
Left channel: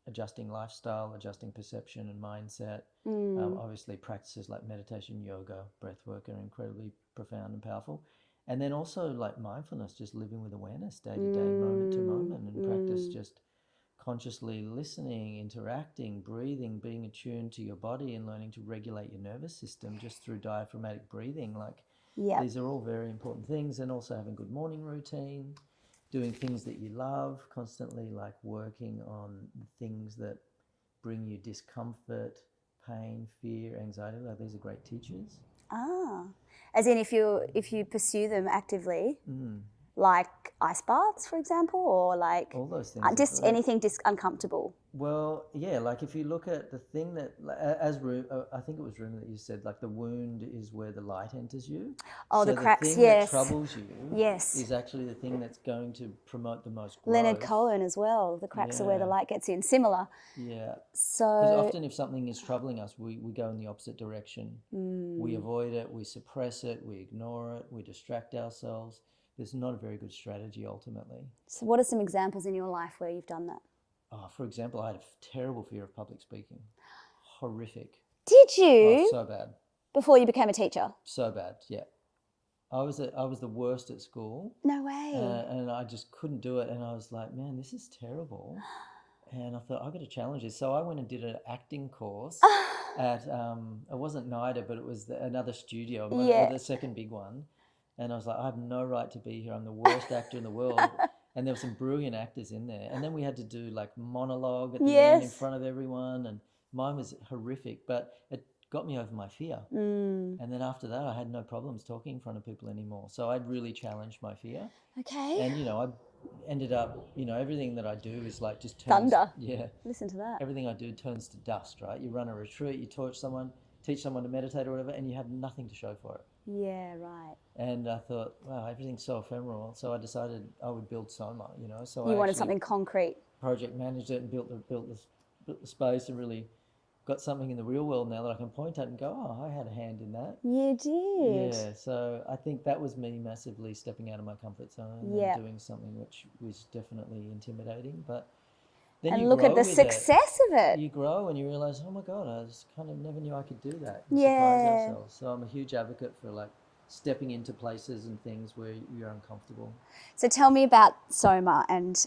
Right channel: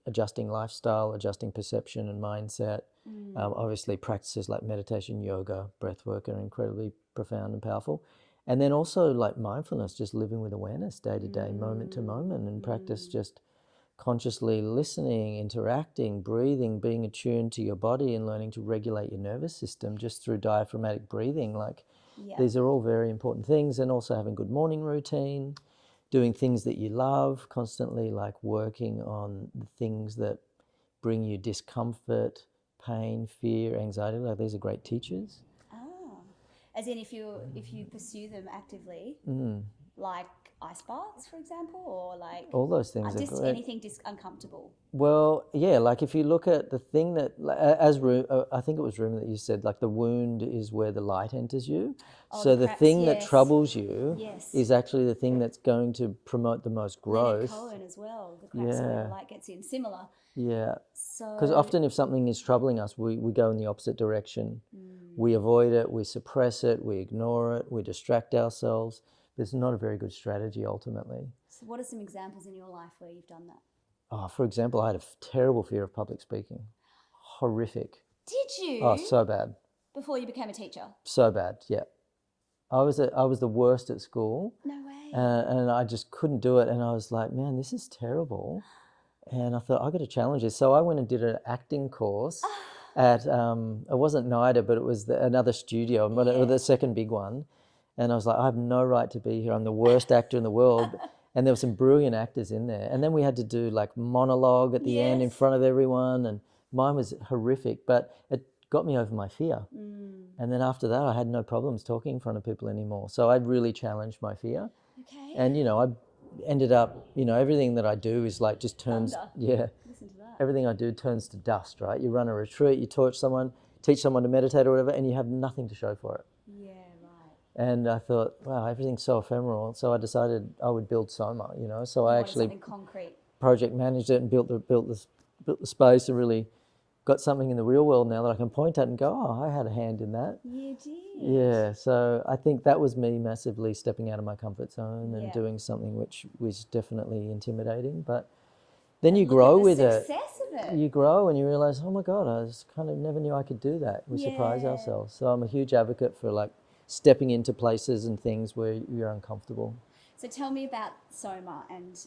adjusting lifestyle, adjusting perception and mindset. Obviously practices like meditation, yoga, breath work are incredibly profound and powerful. And then also like mindfulness, just living with awareness day to day, moment to moment, and practice just consciously listening, interacting, breathing, being attuned to your body and learning to regulate your nervous system just through diaphragmatic breathing. These are all very important things. And also having good morning routine, doing things that you love, constantly like working on the things that bring you discomfort, pain, fear, anxiety. Like these are great teachers. As in if you pursue them actively, like ice baths, for example, or like all those things. Just anything uncomfortable. Well, like if you look at the thing that, I think it was Rumi that you said, like the wound is where the light enters you. So the cracks, thing that troubles you is actually the thing that's going to promote the most growth. Leonard Cohen as well. The cracks are where the light gets in. Similar. Yeah. So because often if something is troubling us, we go in the opposite direction. We avoid it, we suppress it, we ignore it, we distract ourselves. It's not a very good strategy ultimately. So what are some examples in your life where you've done that? For example, I had a terrible fear of public speaking. Horrific. Did you? Oh, so bad. Before you became a teacher? So bad, yeah. I was the worst at school. No way. And I just couldn't do it. And I was like, man, this is terrible. And I thought, I've got to challenge this. So I went and did an acting course at, it wasn't NIDA, but it was another studio, the second big one. And I was like, I have no right to be here. I'm the worst actor in the world. And there were some brilliant actors in there. And then we had to do like monologue at the end in front of everyone. And mine was horrific, but it got me over my fear. And then after that, I had no problems talking in front of people anymore. So I'd really challenged my fear. Okay. And, I ended up, everything that I do is like just turns. Thunder. Yeah. Listen to that. Everything I do turns to dust, right? You run a retreat, you teach someone to meditate or whatever, and you have nothing to show for it. Yeah, right. And I thought, wow, everything's so ephemeral. So I decided I would build Soma, So I I wanted something concrete. Project managed it and built the space and really got something in the real world now that I can point at and go, oh, I had a hand in that. You did. Yeah. So I think that was me massively stepping out of my comfort zone and doing something which was definitely intimidating, but then and you look grow at the with success of it. You grow and you realize, oh my God, I just kind of never knew I could do that and surprise ourselves. So I'm a huge advocate for like stepping into places and things where you're uncomfortable. So tell me about Soma, and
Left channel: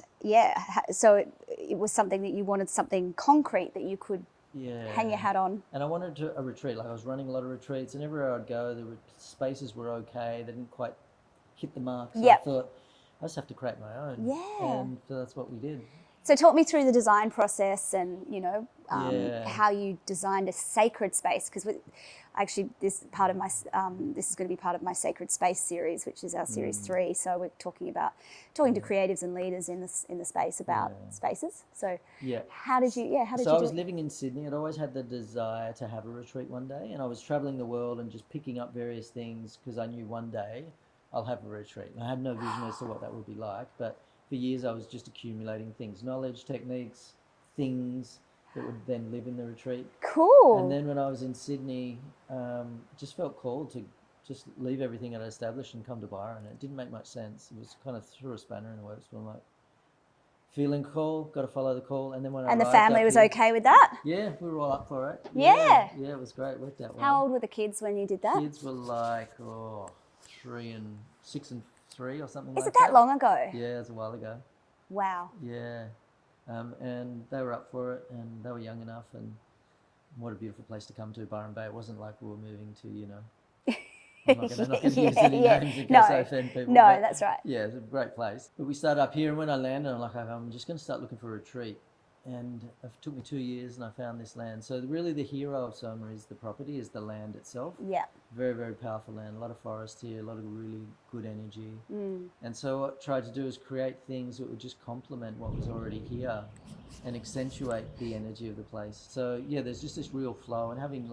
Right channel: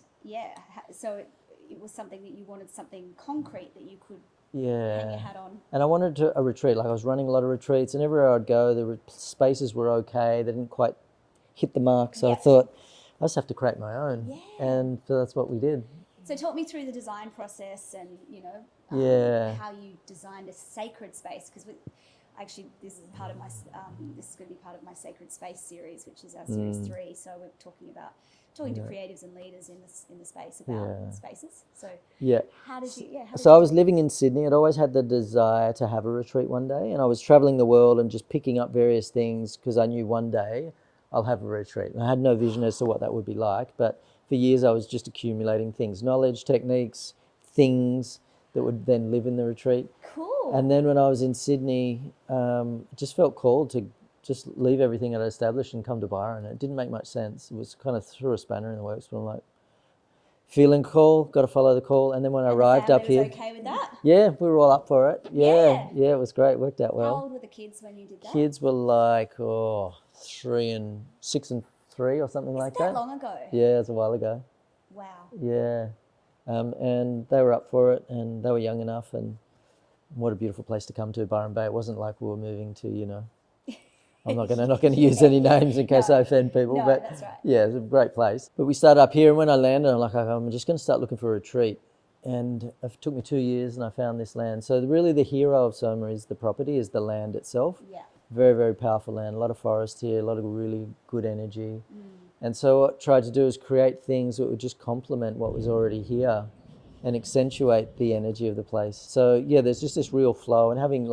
so it was something that you wanted, something concrete that you could hang your hat on. And I wanted a retreat. Like I was running a lot of retreats, and everywhere I'd go, the spaces were okay. They didn't quite hit the mark. So I thought, I just have to create my own. Yeah. And so that's what we did. So talk me through the design process and, how you designed a sacred space. Because Actually, this is part of my this is going to be part of my Sacred Space series, which is our series 3. So we're talking to creatives and leaders in the space about spaces. So how did you? So I was living in Sydney. I'd always had the desire to have a retreat one day, and I was traveling the world and just picking up various things because I knew one day I'll have a retreat. And I had no vision as to what that would be like, but for years I was just accumulating things, knowledge, techniques, things that would then live in the retreat. Cool. And then when I was in Sydney, just felt called to just leave everything I'd established and come to Byron. It didn't make much sense. It was kind of threw a spanner in the works, but I'm like, feeling call, got to follow the call. And then when I arrived up here... And the family was okay with that? Yeah, we were all up for it. Yeah, it was great. It worked out well. How old were the kids when you did that? Kids were like, 6 and 3 or something like that. Is it that long ago? Yeah, it was a while ago. Wow. Yeah. And they were up for it, and they were young enough, and what a beautiful place to come to, Byron Bay. It wasn't like we were moving to, I'm not going to use any names in case I offend people. No, but that's right. Yeah, it's a great place. But we started up here, and when I landed, I'm like, I'm just going to start looking for a retreat. And it took me 2 years, and I found this land. So really the hero of Soma is the property, is the land itself. Yeah. Very, very powerful land. A lot of forest here, a lot of really good energy. And so what I tried to do is create things that would just complement what was already here and accentuate the energy of the place. So yeah, there's just this real flow, and having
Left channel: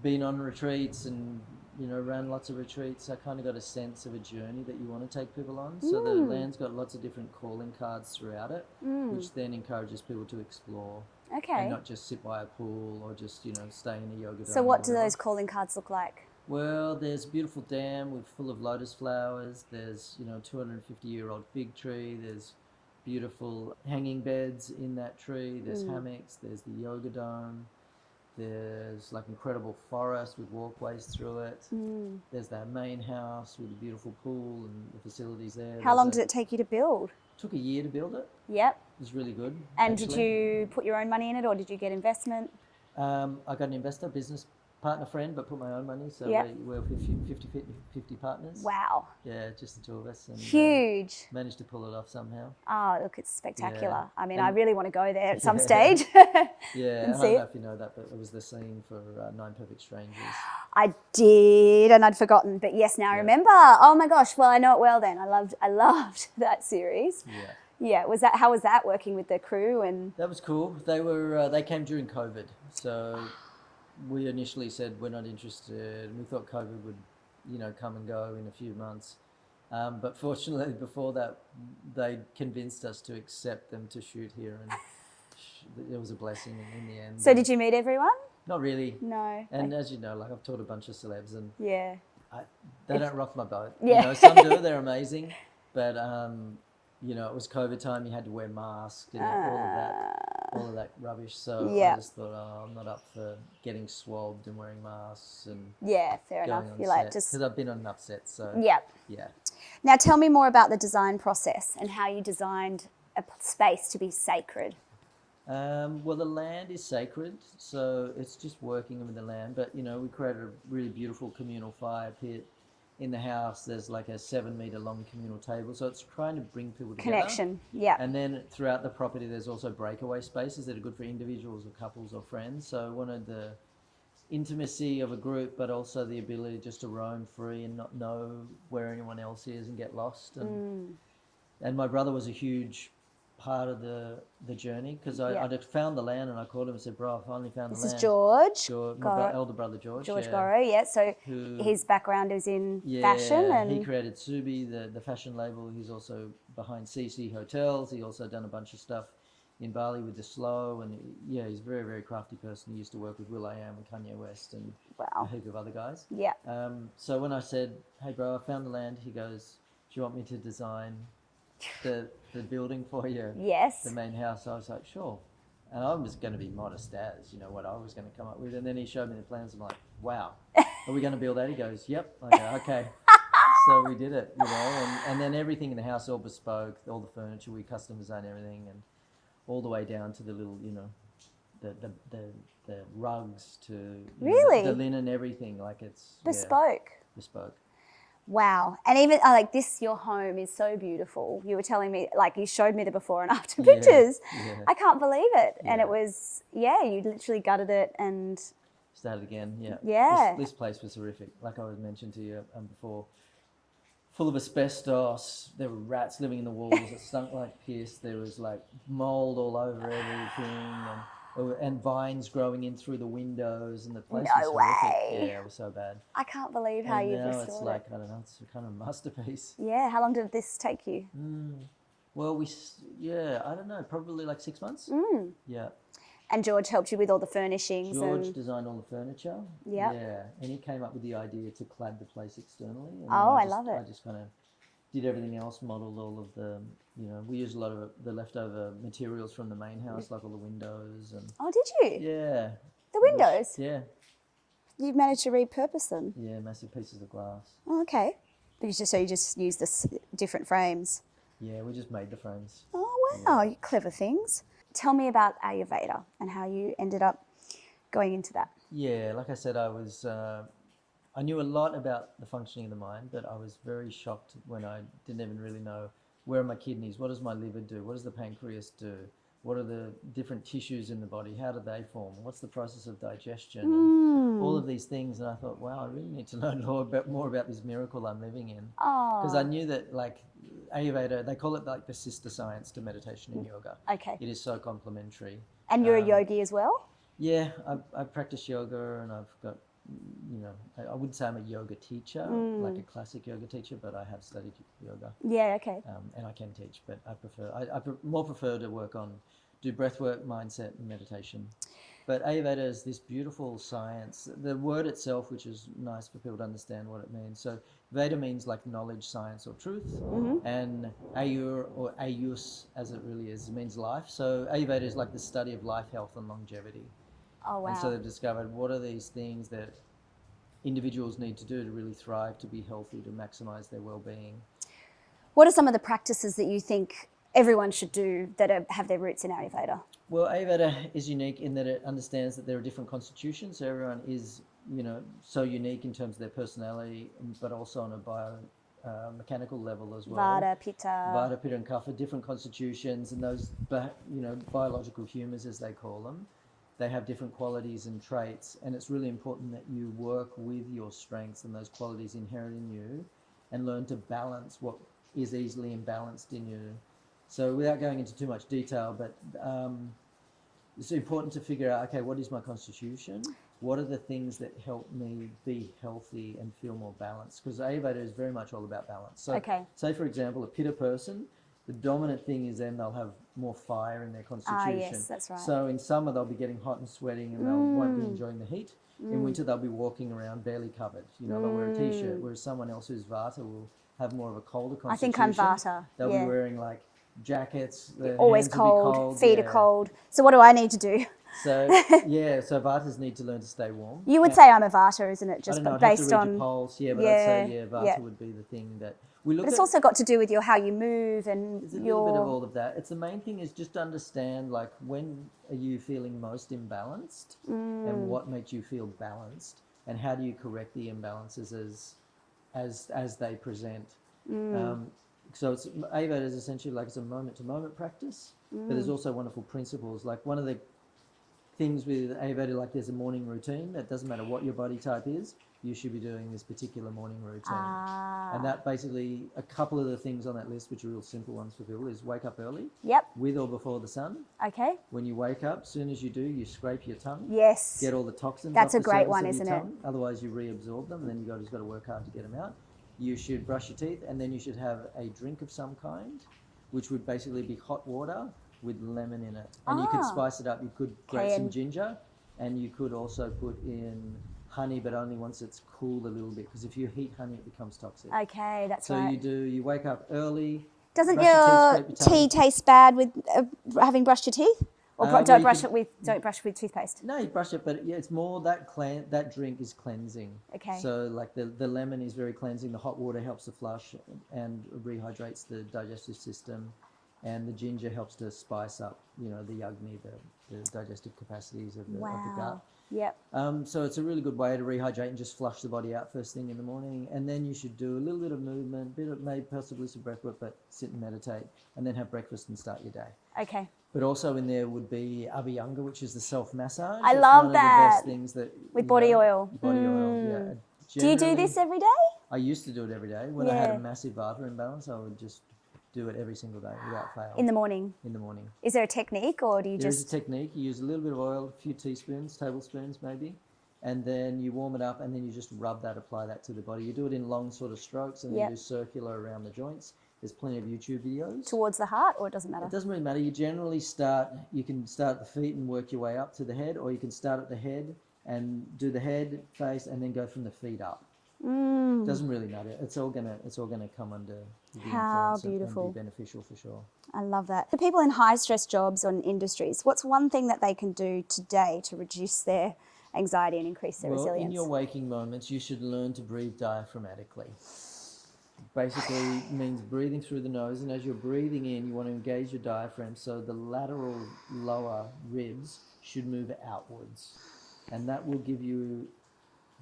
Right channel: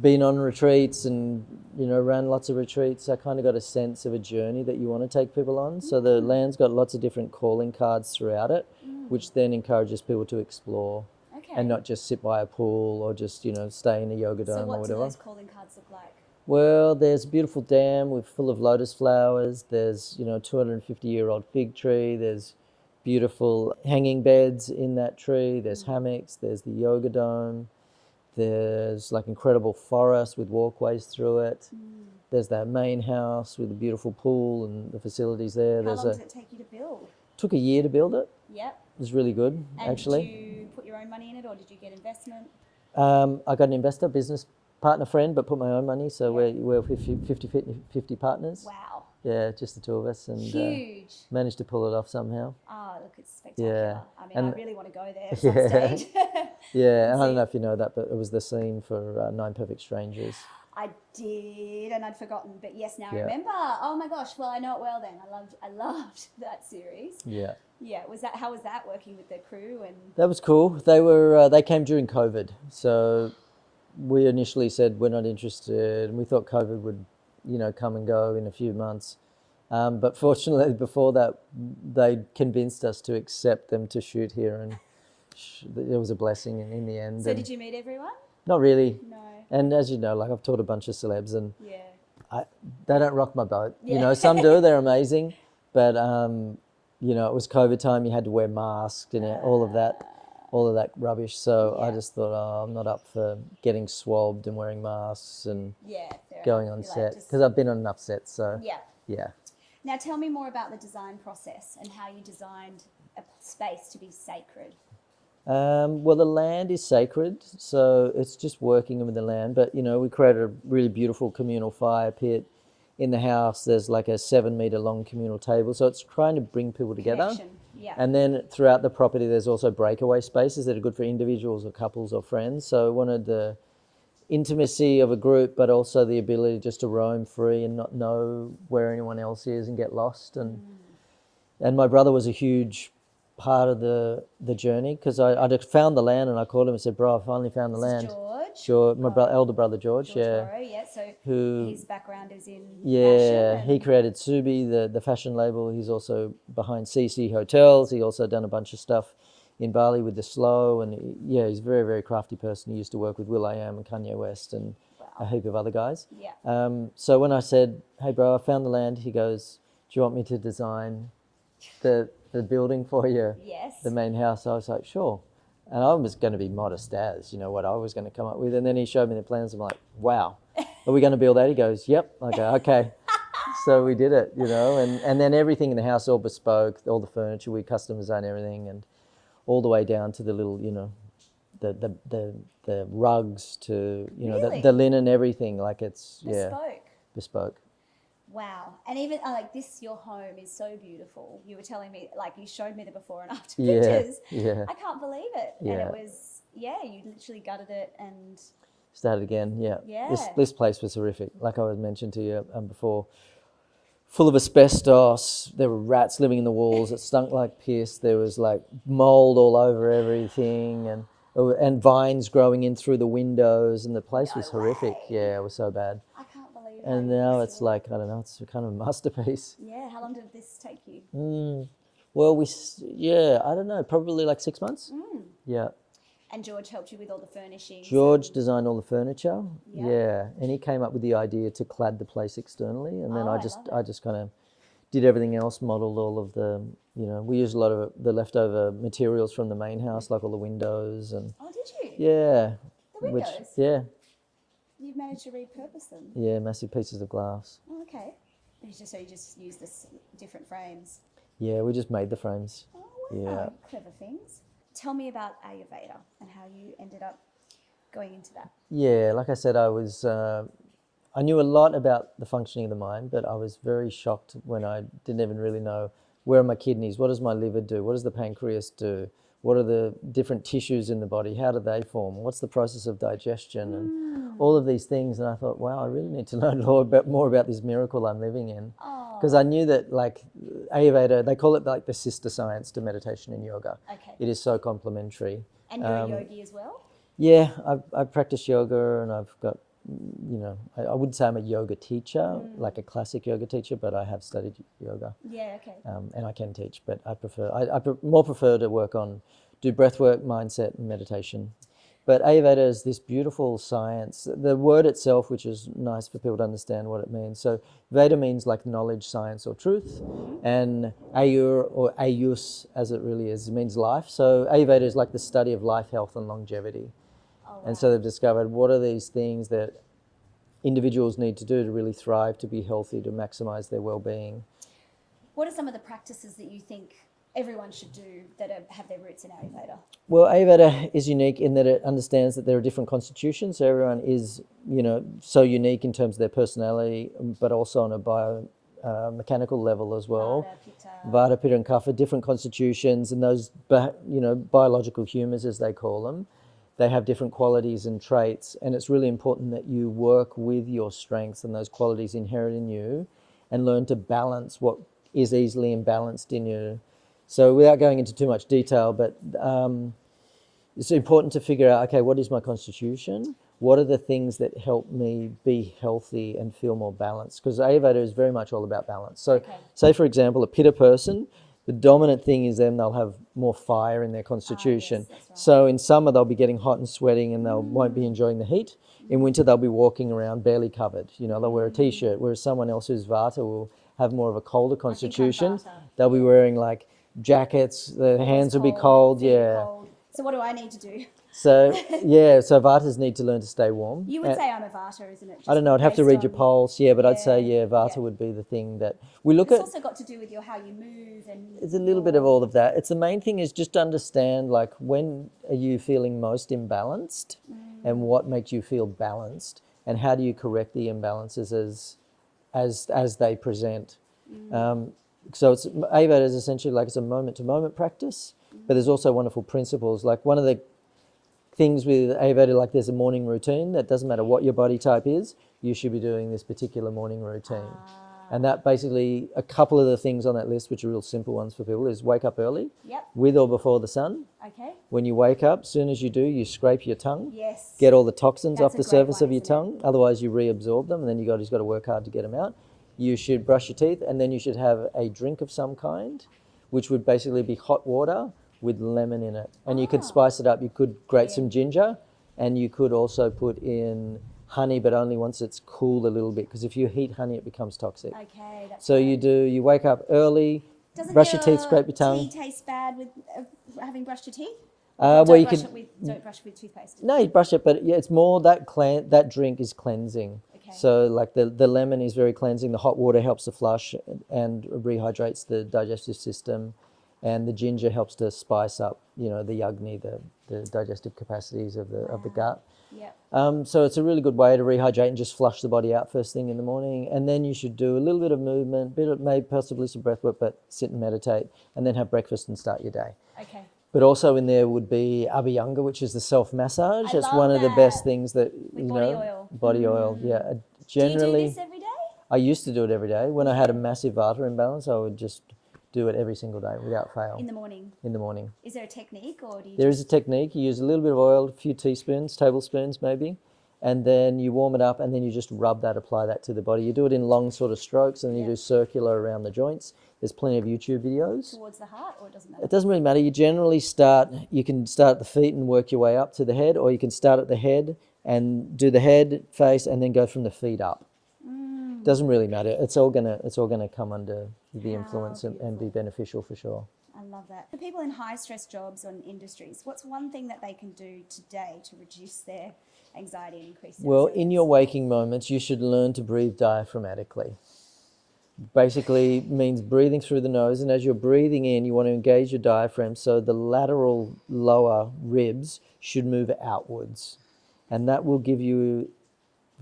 been on retreats and ran lots of retreats, I kind of got a sense of a journey that you want to take people on. So the land's got lots of different calling cards throughout it, which then encourages people to explore. Okay. And not just sit by a pool or just, stay in a yoga dome. So what or do whatever. those calling cards look like? Well, there's a beautiful dam full of lotus flowers. There's, 250-year-old fig tree. There's beautiful hanging beds in that tree. There's hammocks. There's the yoga dome. There's incredible forest with walkways through it. There's that main house with a beautiful pool and the facilities there. How long did it take you to build? Took a year to build it. Yep. It was really good, and actually. Did you put your own money in it, or did you get investment? I got an investor, business partner friend, but put my own money. So we're 50 partners. Wow. Yeah, just the two of us. And huge. Managed to pull it off somehow. Oh, look, it's spectacular. Yeah. I mean, I really want to go there at some stage. Yeah, I don't know if you know that, but it was the scene for 9 Perfect Strangers. I did, and I'd forgotten. But yes, now I remember. Oh my gosh, well, I know it well then. I loved that series. Yeah. Yeah, how was that working with the crew? And that was cool. They came during COVID, so we initially said we're not interested, and we thought COVID would, come and go in a few months. But fortunately, before that, they convinced us to accept them to shoot here, and it was a blessing in the end. So did you meet everyone? Not really. No. And as you know, I've taught a bunch of celebs, and they don't rock my boat. Yeah. Some do. They're amazing, but it was COVID time. You had to wear masks and all of that rubbish. So I just thought, I'm not up for getting swabbed and wearing masks and fair going enough. on set, because I've been on enough sets. So yeah. Now tell me more about the design process and how you designed a space to be sacred. Well, the land is sacred, so it's just working with the land. But we created a really beautiful communal fire pit. In the house, there's like a 7-meter long communal table. So it's trying to bring people together. Connection, yeah. And then throughout the property, there's also breakaway spaces that are good for individuals or couples or friends. So I wanted the intimacy of a group, but also the ability just to roam free and not know where anyone else is and get lost. And my brother was a huge part of the journey, because I just found the land, and I called him and said, bro, I finally found the land. This is George? My elder brother George. George Gorrow, so his background is in fashion. Yeah, he created Subi, the fashion label. He's also behind CC Hotels. He also done a bunch of stuff in Bali with the Slow, and he's a very, very crafty person. He used to work with will.i.am and Kanye West and a heap of other guys. Yeah. So when I said, hey bro, I found the land, he goes, do you want me to design the building for you? Yes. The main house. I was like, sure. And I was going to be modest as, what I was going to come up with. And then he showed me the plans. I'm like, wow, are we going to build that? He goes, yep. I go, okay. So we did it, and then everything in the house, all bespoke, all the furniture, we custom designed everything, and all the way down to the little, the rugs to, the linen, everything. Like it's bespoke. Wow. And even your home is so beautiful. You were telling me, you showed me the before and after pictures. Yeah. I can't believe it. Yeah. And it was, you literally gutted it and... Started again, yeah. Yeah. This place was horrific, like I was mentioned to you before. Full of asbestos. There were rats living in the walls. It stunk like piss. There was like mold all over everything, and vines growing in through the windows, and the place was horrific. way. Yeah, it was so bad. I can't believe how And you now restored it's like, I don't know, it's kind of a masterpiece. Yeah, how long did this take you? Well, I don't know, probably like 6 months. Yeah. And George helped you with all the furnishings. George designed all the furniture. Yep. Yeah, and he came up with the idea to clad the place externally, and then I I love it. I just kind of did everything else, modelled all of the, we used a lot of the leftover materials from the main house, like all the windows and. Oh, did you? Yeah. The windows? Yeah. You've managed to repurpose them? Yeah, massive pieces of glass. Oh, okay. But you just use this different frames? Yeah, we just made the frames. Oh, wow. Yeah. You clever things. Tell me about Ayurveda and how you ended up going into that. Yeah, like I said, I knew a lot about the functioning of the mind, but I was very shocked when I didn't even really know, where are my kidneys? What does my liver do? What does the pancreas do? What are the different tissues in the body? How do they form? What's the process of digestion? And all of these things. And I thought, wow, I really need to learn more about this miracle I'm living in. Because I knew that, like, Ayurveda, they call it like the sister science to meditation and yoga. Okay. It is so complementary. And you're a yogi as well? Yeah, I practice yoga, and I've got, I wouldn't say I'm a yoga teacher, like a classic yoga teacher, but I have studied yoga. Yeah, okay. And I can teach, but I more prefer to do breath work, mindset, and meditation. But Ayurveda is this beautiful science. The word itself, which is nice for people to understand what it means. So Veda means like knowledge, science, or truth. And Ayur, or Ayus, as it really is, means life. So Ayurveda is like the study of life, health, and longevity. Oh, wow. And so they've discovered what are these things that individuals need to do to really thrive, to be healthy, to maximize their well-being. What are some of the practices that you think everyone should do that have their roots in Ayurveda? Well, Ayurveda is unique in that it understands that there are different constitutions. So everyone is, so unique in terms of their personality, but also on a mechanical level as well. Vata, Pitta, and Kapha, different constitutions, and those, biological humors, as they call them, they have different qualities and traits, and it's really important that you work with your strengths and those qualities inherent in you, and learn to balance what is easily imbalanced in you. So without going into too much detail, but it's important to figure out, okay, what is my constitution? What are the things that help me be healthy and feel more balanced? Because Ayurveda is very much all about balance. So say, for example, a Pitta person, the dominant thing is then they'll have more fire in their constitution. Yes, that's right. So in summer, they'll be getting hot and sweating, and they won't be enjoying the heat. In winter, they'll be walking around barely covered. They'll wear a T-shirt, whereas someone else who's Vata will have more of a colder constitution. I think I'm Vata. They'll be wearing like jackets, their Always hands will be cold. Feet are cold. So what do I need to do? So, so Vatas need to learn to stay warm. You would say I'm a Vata, isn't it? Just I don't know, I'd have to read your pulse, but I'd say, Vata would be the thing that we look at. It's at. also got to do with how you move and It's a little bit of all of that. It's the main thing is just to understand, like, when are you feeling most imbalanced and what makes you feel balanced, and how do you correct the imbalances as they present. So Ayurveda is essentially like it's a moment-to-moment practice, but there's also wonderful principles. Like one of the things with Ayurveda, like there's a morning routine that doesn't matter what your body type is, you should be doing this particular morning routine. And that basically, a couple of the things on that list, which are real simple ones for people, is wake up early, with or before the sun. Okay. When you wake up, as soon as you do, you scrape your tongue. Yes. Get all the toxins off the surface of your isn't tongue. Otherwise, you reabsorb them, and then you've got to work hard to get them out. You should brush your teeth, and then you should have a drink of some kind, which would basically be hot water with lemon in it. And you could spice it up. You could grate some ginger, and you could also put in honey, but only once it's cooled a little bit, because if you heat honey, it becomes toxic. Okay, that's so right. you wake up early, Doesn't brush your your teeth, scrape your tongue. tea taste bad with having brushed your teeth? Or Well, don't you brush could- it with toothpaste. No, you brush it, but it's more that drink is cleansing. Okay. So like the lemon is very cleansing. The hot water helps to flush and rehydrates the digestive system, and the ginger helps to spice up, the yagni, the digestive capacities of the gut. Yep. So it's a really good way to rehydrate and just flush the body out first thing in the morning. And then you should do a little bit of movement, maybe possibly some breath work, but sit and meditate, and then have breakfast and start your day. Okay. But also in there would be Abhyanga, which is the self-massage. I It's love one of the that. best things that... With you body know, oil. Body oil, yeah. Do you Generally, do this every day? I used to do it every day. When I had a Yeah. massive vata imbalance, I would just do it every single day without fail. In the morning. In the morning. Is there a technique, or do you There is just... a technique. You use a little bit of oil, a few teaspoons, tablespoons maybe, and then you warm it up, and then you just rub that, apply that to the body. You do it in long sort of strokes, and then Yep. you do circular around the joints. There's plenty of YouTube videos. towards the heart, or it doesn't matter? It doesn't really matter. You generally you can start at the feet and work your way up to the head, or you can start at the head and do the head, face, and then go from the feet up. Doesn't really matter. It's all gonna come under the How influence and be beautiful. beneficial for sure. I love that. For people in high stress jobs or in industries, what's one thing that they can do today to reduce their anxiety and increase their Well, resilience? in your waking moments, you should learn to breathe diaphragmatically. Basically means breathing through the nose, and as you're breathing in, you want to engage your diaphragm, so the lateral lower ribs should move outwards, and that will give you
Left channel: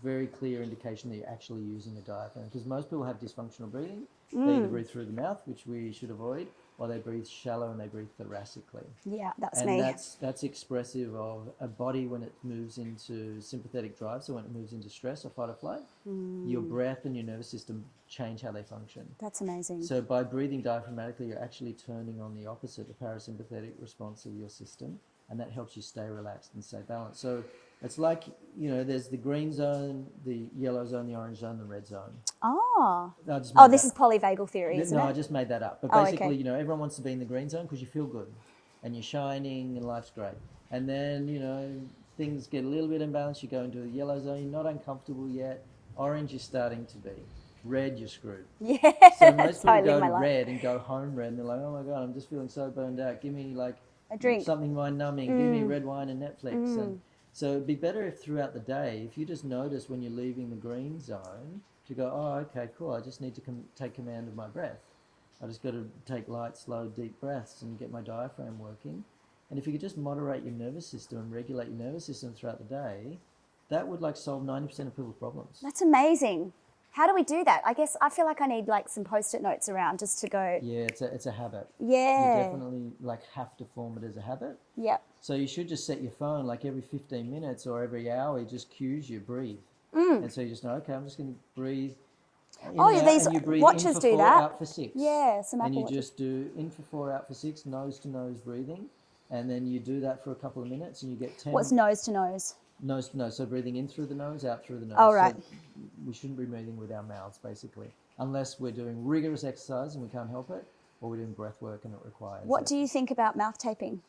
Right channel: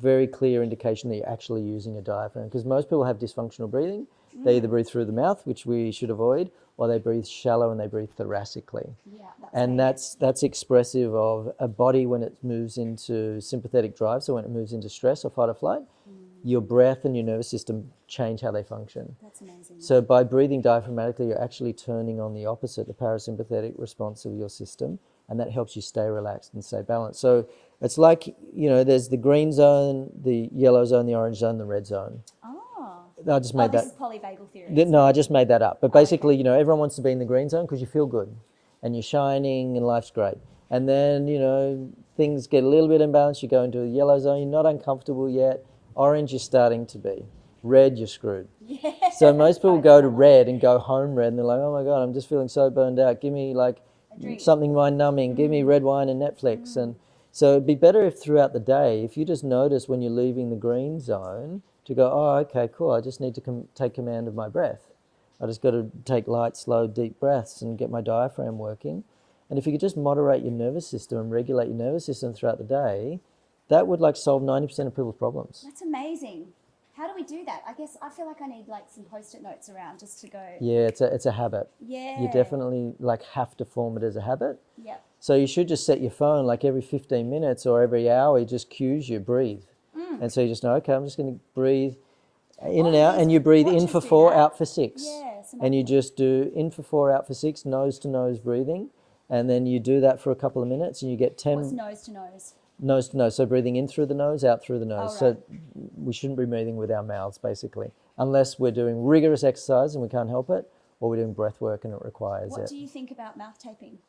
very clear indication that you're actually using a diaphragm, because most people have dysfunctional breathing. They either breathe through the mouth, which we should avoid, or they breathe shallow and they breathe thoracically. Yeah, that's And me. that's expressive of a body when it moves into sympathetic drive, so when it moves into stress or fight or flight, your breath and your nervous system change how they function. That's amazing. So by breathing diaphragmatically, you're actually turning on the opposite, the parasympathetic response of your system, and that helps you stay relaxed and stay balanced. So it's like, there's the green zone, the yellow zone, the orange zone, the red zone. Oh, I just made this that. is polyvagal theory. No, isn't I it? just made that up. But Oh, okay. basically, everyone wants to be in the green zone because you feel good and you're shining and life's great. And then, things get a little bit imbalanced. You go into a yellow zone, you're not uncomfortable yet. Orange, you're starting to be. Red, you're screwed. Yeah. So most people Totally go my to life. red and go home red, and they're like, oh my God, I'm just feeling so burned out. Give me like A drink. something mind numbing. Give me red wine and Netflix. And so it'd be better if throughout the day, if you just notice when you're leaving the green zone to go, oh, okay, cool. I just need to take command of my breath. I just got to take light, slow, deep breaths and get my diaphragm working. And if you could just moderate your nervous system and regulate your nervous system throughout the day, that would solve 90% of people's problems. That's amazing. How do we do that? I guess I feel like I need some Post-it notes around just to go. Yeah, it's a habit. Yeah. You definitely have to form it as a habit. Yep. So you should just set your phone every 15 minutes or every hour, it just cues you, breathe. And so you just know, okay, I'm just going to breathe in and out, these and you breathe in watches for do 4, that. out for 6. Yeah, some and you Apple Watch. just do in for 4, out for 6, nose to nose breathing. And then you do that for a couple of minutes and you get 10. What's nose to nose? Nose to nose. So breathing in through the nose, out through the nose. Oh, right. So we shouldn't be breathing with our mouths, basically, unless we're doing rigorous exercise and we can't help it, or we're doing breath work and it requires What it. do you think about mouth taping?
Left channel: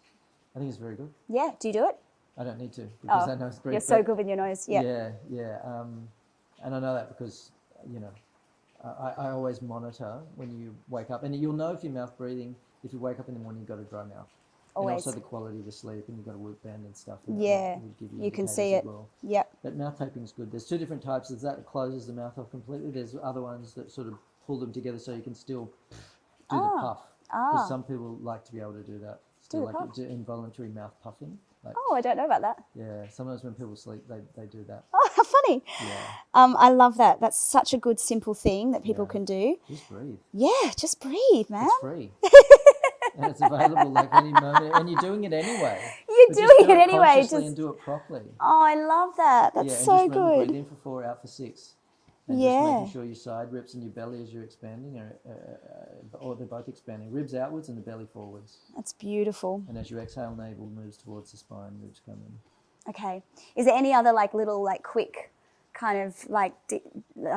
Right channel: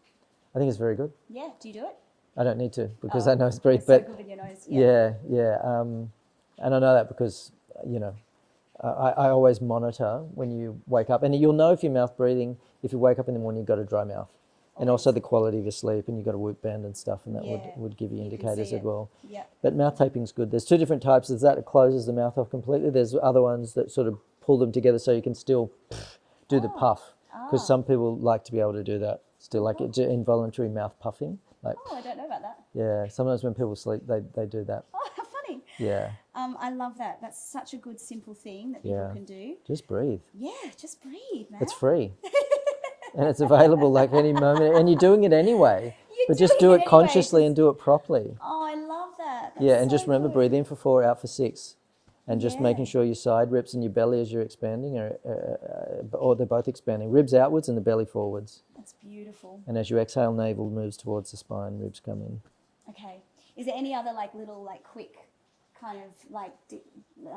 I think it's very good. Yeah, do you do it? I don't need to because Oh, I know it's breathe. You're so but good with your nose. Yeah. Yeah. And I know that because, I always monitor when you wake up. And you'll know if your mouth breathing, if you wake up in the morning, you've got a dry mouth. And also Always. the quality of your sleep, and you've got a whoop band and stuff, and that Yeah, would give you you can indicators see as it. well. Yep. But mouth taping's good. There's 2 different types. There's that closes the mouth off completely. There's other ones that sort of pull them together so you can still do the puff. Because some people like to be able to do that. Still involuntary mouth puffing. Oh, I don't know about that. Yeah, sometimes when people sleep, they do that. Oh, how funny. Yeah, I love that. That's such a good, simple thing that people Yeah. can do. just breathe. Yeah, just breathe, man. It's free. And it's available any moment. And you're doing it anyway. You're but doing just do it it anyway, consciously just- and do it properly. Oh, I love that. That's Yeah, and so just remember, good. breathe in for 4, out for 6. And just Yeah. making sure your side ribs and your belly as you're expanding, or they're both expanding. Ribs outwards and the belly forwards. That's beautiful. And as you exhale, navel moves towards the spine, ribs come in. Okay. Is there any other little quick kind of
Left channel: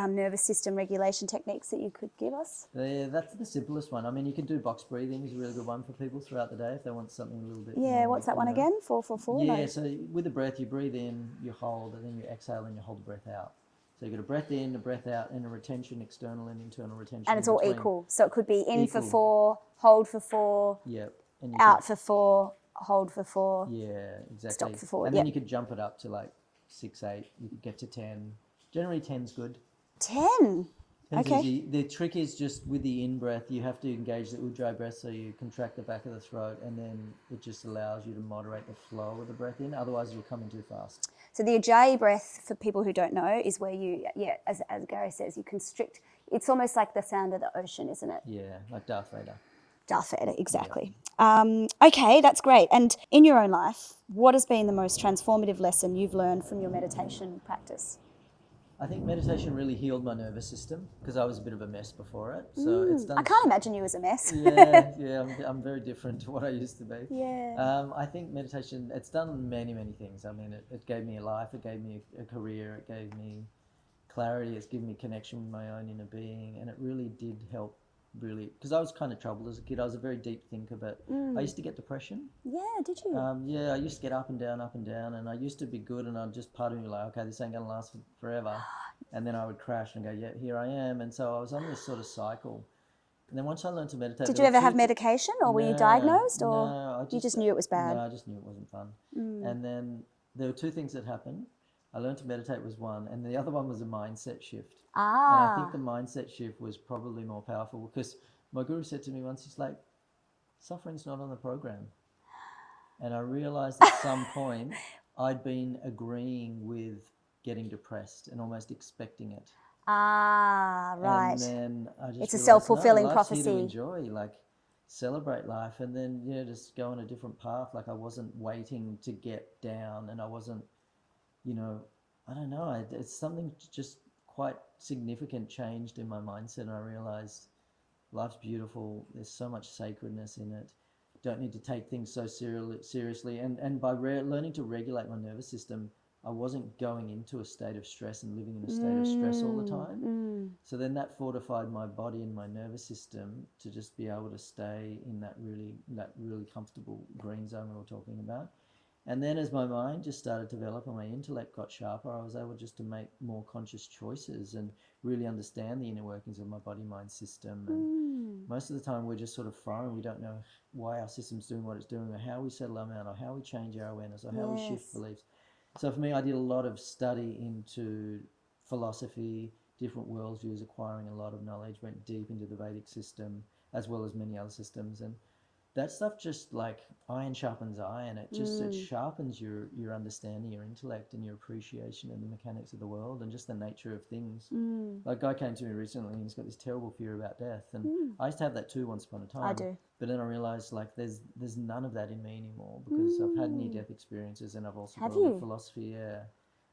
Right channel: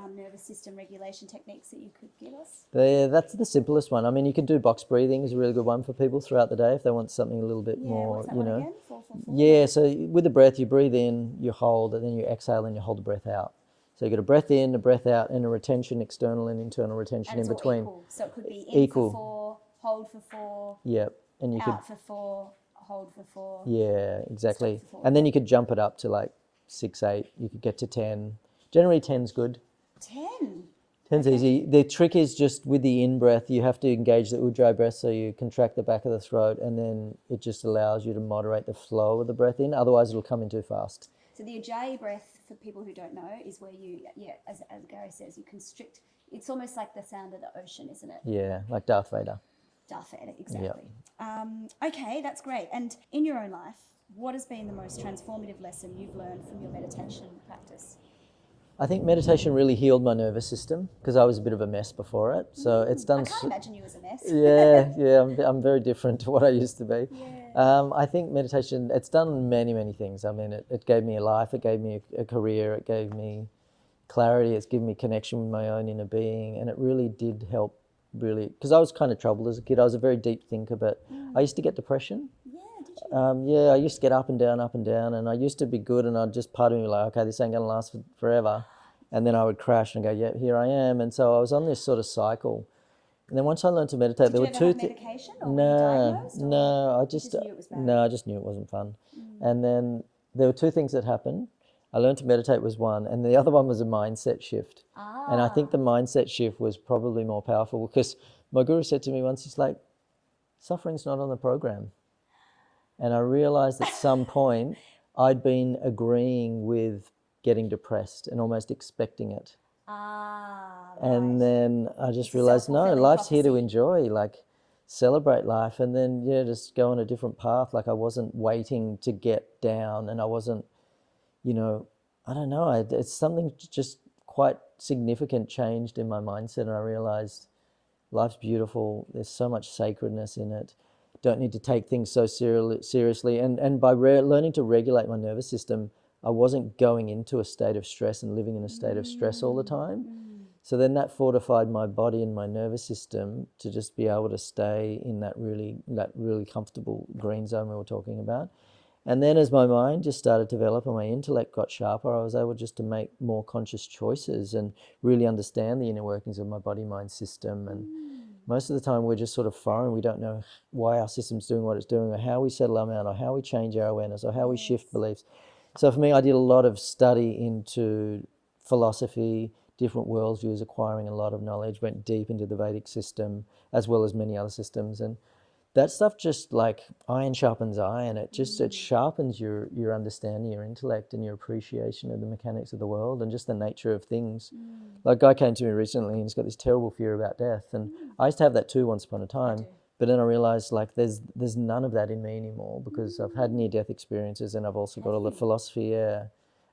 nervous system regulation techniques that you could give us? That's the simplest one. I mean, you can do box breathing is a really good one for people throughout the day if they want something a little bit more. Yeah, what's that one again? 4-4-4? Yeah, so with the breath, you breathe in, you hold, and then you exhale and you hold the breath out. So you got a breath in, a breath out, and a retention, external and internal retention And it's in all between. equal. So it could be in Equal. for 4, hold for 4, Yep. And you out for 4, hold for 4. Yeah, exactly. for 4, and then yeah. you could jump it up to 6, 8. You could get to 10. Generally, 10's good. 10. 10's Okay. easy. The trick is just with the in-breath, you have to engage the ujjayi breath, so you contract the back of the throat, and then it just allows you to moderate the flow of the breath in. Otherwise, it'll come in too fast. So the ujjayi breath, for people who don't know, is where you, as Gary says, you constrict. It's almost like the sound of the ocean, isn't it? Yeah, like Darth Vader. Darth Vader, exactly. Okay, that's great. And in your own life, what has been the most transformative lesson you've learned from your meditation practice? I think meditation really healed my nervous system because I was a bit of a mess before it. So it's done. I can't imagine you as a mess. Yeah. I'm very different to what I used to be. Yeah. I think meditation, it's done many, many things. I mean, it gave me a life, it gave me a career, it gave me clarity, it's given me connection with my own inner being, and it really did help. Really, because I was kind of troubled as a kid. I was a very deep thinker, but I used to get depression. Yeah, did you? I used to get up and down, and I used to be good, and I'd just part of me like, okay, this ain't gonna last forever, and then I would crash and go, yeah, here I am, and so I was on this sort of cycle. And then once I learned to meditate, did you ever have medication, or were you diagnosed, or no, you just knew it was bad? No, I just knew it wasn't fun. And then there were two things that happened. I learned to meditate was one, and the other one was a mindset shift. And I think the mindset shift was probably more powerful because my guru said to me once, he's like, suffering's not on the program. And I realized at some point I'd been agreeing with getting depressed and almost expecting it. Right. And then I just It's a realized, no, self-fulfilling life's here to prophecy. enjoy, like celebrate life, and then, just go on a different path. Like I wasn't waiting to get down, and I wasn't, I don't know, it's something just quite significant changed in my mindset, and I realized life's beautiful, there's so much sacredness in it, don't need to take things so seriously, and by learning to regulate my nervous system, I wasn't going into a state of stress and living in a state of stress all the time. So then that fortified my body and my nervous system to just be able to stay in that really comfortable green zone we were talking about. And then as my mind just started to develop and my intellect got sharper, I was able just to make more conscious choices and really understand the inner workings of my body-mind system. And most of the time we're just sort of foreign. We don't know why our system's doing what it's doing, or how we settle our mind, or how we change our awareness, or how we shift beliefs. So for me, I did a lot of study into philosophy, different worldviews, acquiring a lot of knowledge, went deep into the Vedic system, as well as many other systems. And that stuff just like iron sharpens iron. It just it sharpens your understanding, your intellect, and your appreciation of the mechanics of the world and just the nature of things. Like a guy came to me recently and he's got this terrible fear about death. And I used to have that too once upon a time. I do. But then I realized like there's none of that in me anymore because I've had near-death experiences, and I've also got all the philosophy.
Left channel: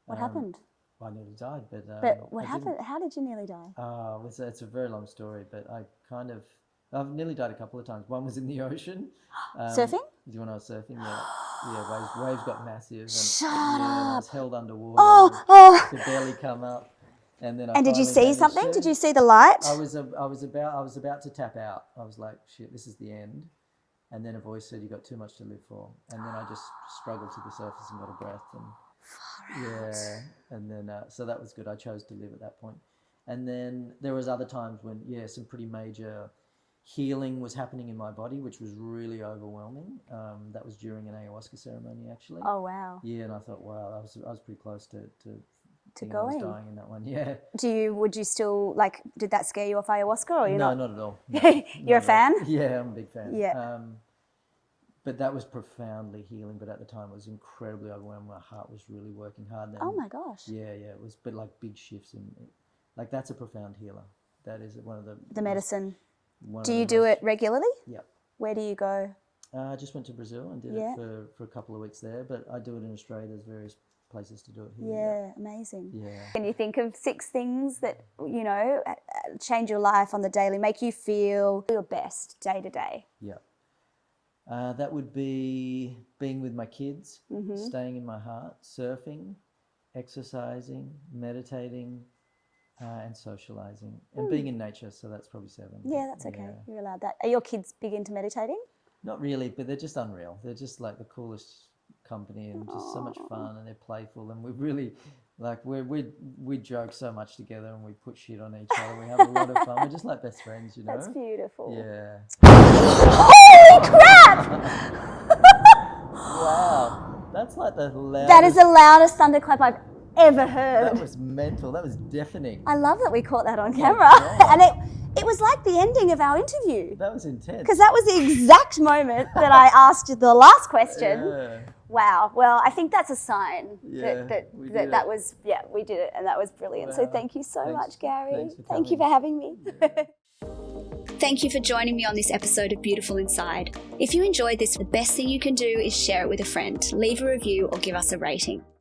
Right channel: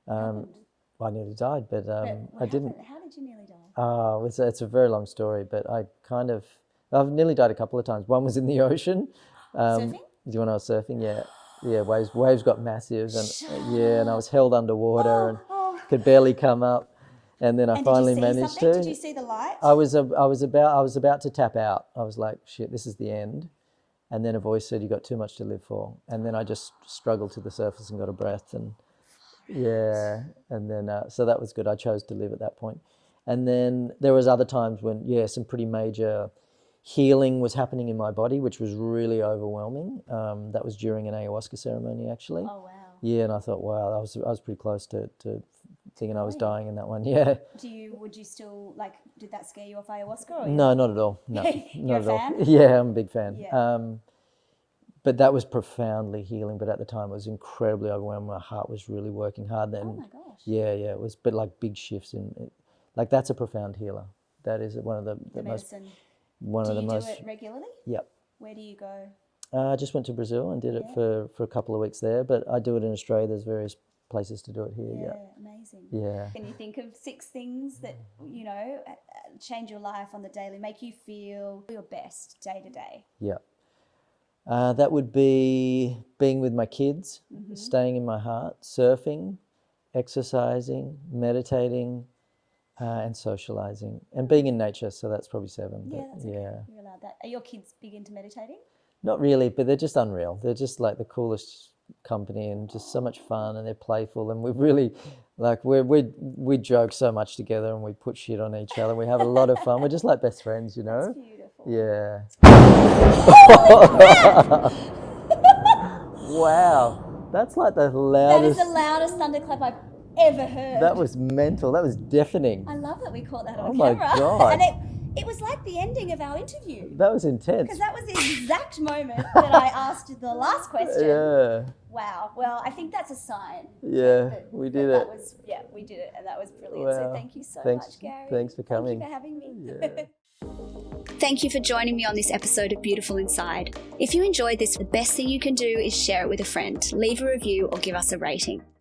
What happened? I nearly died, but what I happened? didn't. How did you nearly die? Oh, it's a very long story, but I've nearly died a couple of times. One was in the ocean. Surfing? When I was surfing, yeah. Waves got massive, and and I was held underwater. And could barely come up, and then I finally managed to. Did you see something? Did you see the light? I was about to tap out. I was like, shit, this is the end. And then a voice said, "You got too much to live for." And then I just struggled to the surface and got a breath, and and then so that was good. I chose to live at that point. And then there was other times when some pretty major healing was happening in my body, which was really overwhelming. That was during an ayahuasca ceremony, actually. Oh wow! Yeah, and I thought, wow, I was pretty close to thinking I was dying in that one. Yeah. Would you still did that scare you off ayahuasca? Or No, not at all. No, You're a fan? Yeah, I'm a big fan. Yeah. But that was profoundly healing. But at the time, it was incredibly overwhelming. My heart was really working hard. Then. Oh my gosh. Yeah, it was, but like big shifts in it. Like that's a profound healer. That is one of the medicine. Most, do you do it regularly? Yep. Where do you go? I just went to Brazil and did it for a couple of weeks there. But I do it in Australia. There's various places to do it here. Yeah, amazing. Yeah. Can you think of 6 things that, change your life on the daily, make you feel your best day to day? Yeah. That would be being with my kids, staying in my heart, surfing, exercising, meditating, and socializing, and being in nature. So that's probably 7. Yeah, that's okay. You're allowed that. Are your kids big into meditating? Not really, but they're just unreal. They're just like the coolest company and just so much fun, and they're playful, and we're really we joke so much together, and we put shit on each other. We have a lot of fun. We're just like best friends, That's beautiful. Yeah. Oh, Wow, that's like the loudest. that is the loudest thunderclap I've ever heard. That was mental. That was deafening. I love that we caught that on my camera. God. And it was like the ending of our interview. That was intense. Because that was the exact moment that I asked the last question. Yeah. Wow. Well, I think that's a sign we did it. We did it, and that was brilliant. Wow. So thank you so much, Gary. Thanks for Thank you coming. for having me. Yeah. thank you for joining me on this episode of Beautiful Inside. If you enjoyed this, the best thing you can do is share it with a friend, leave a review or give us a rating.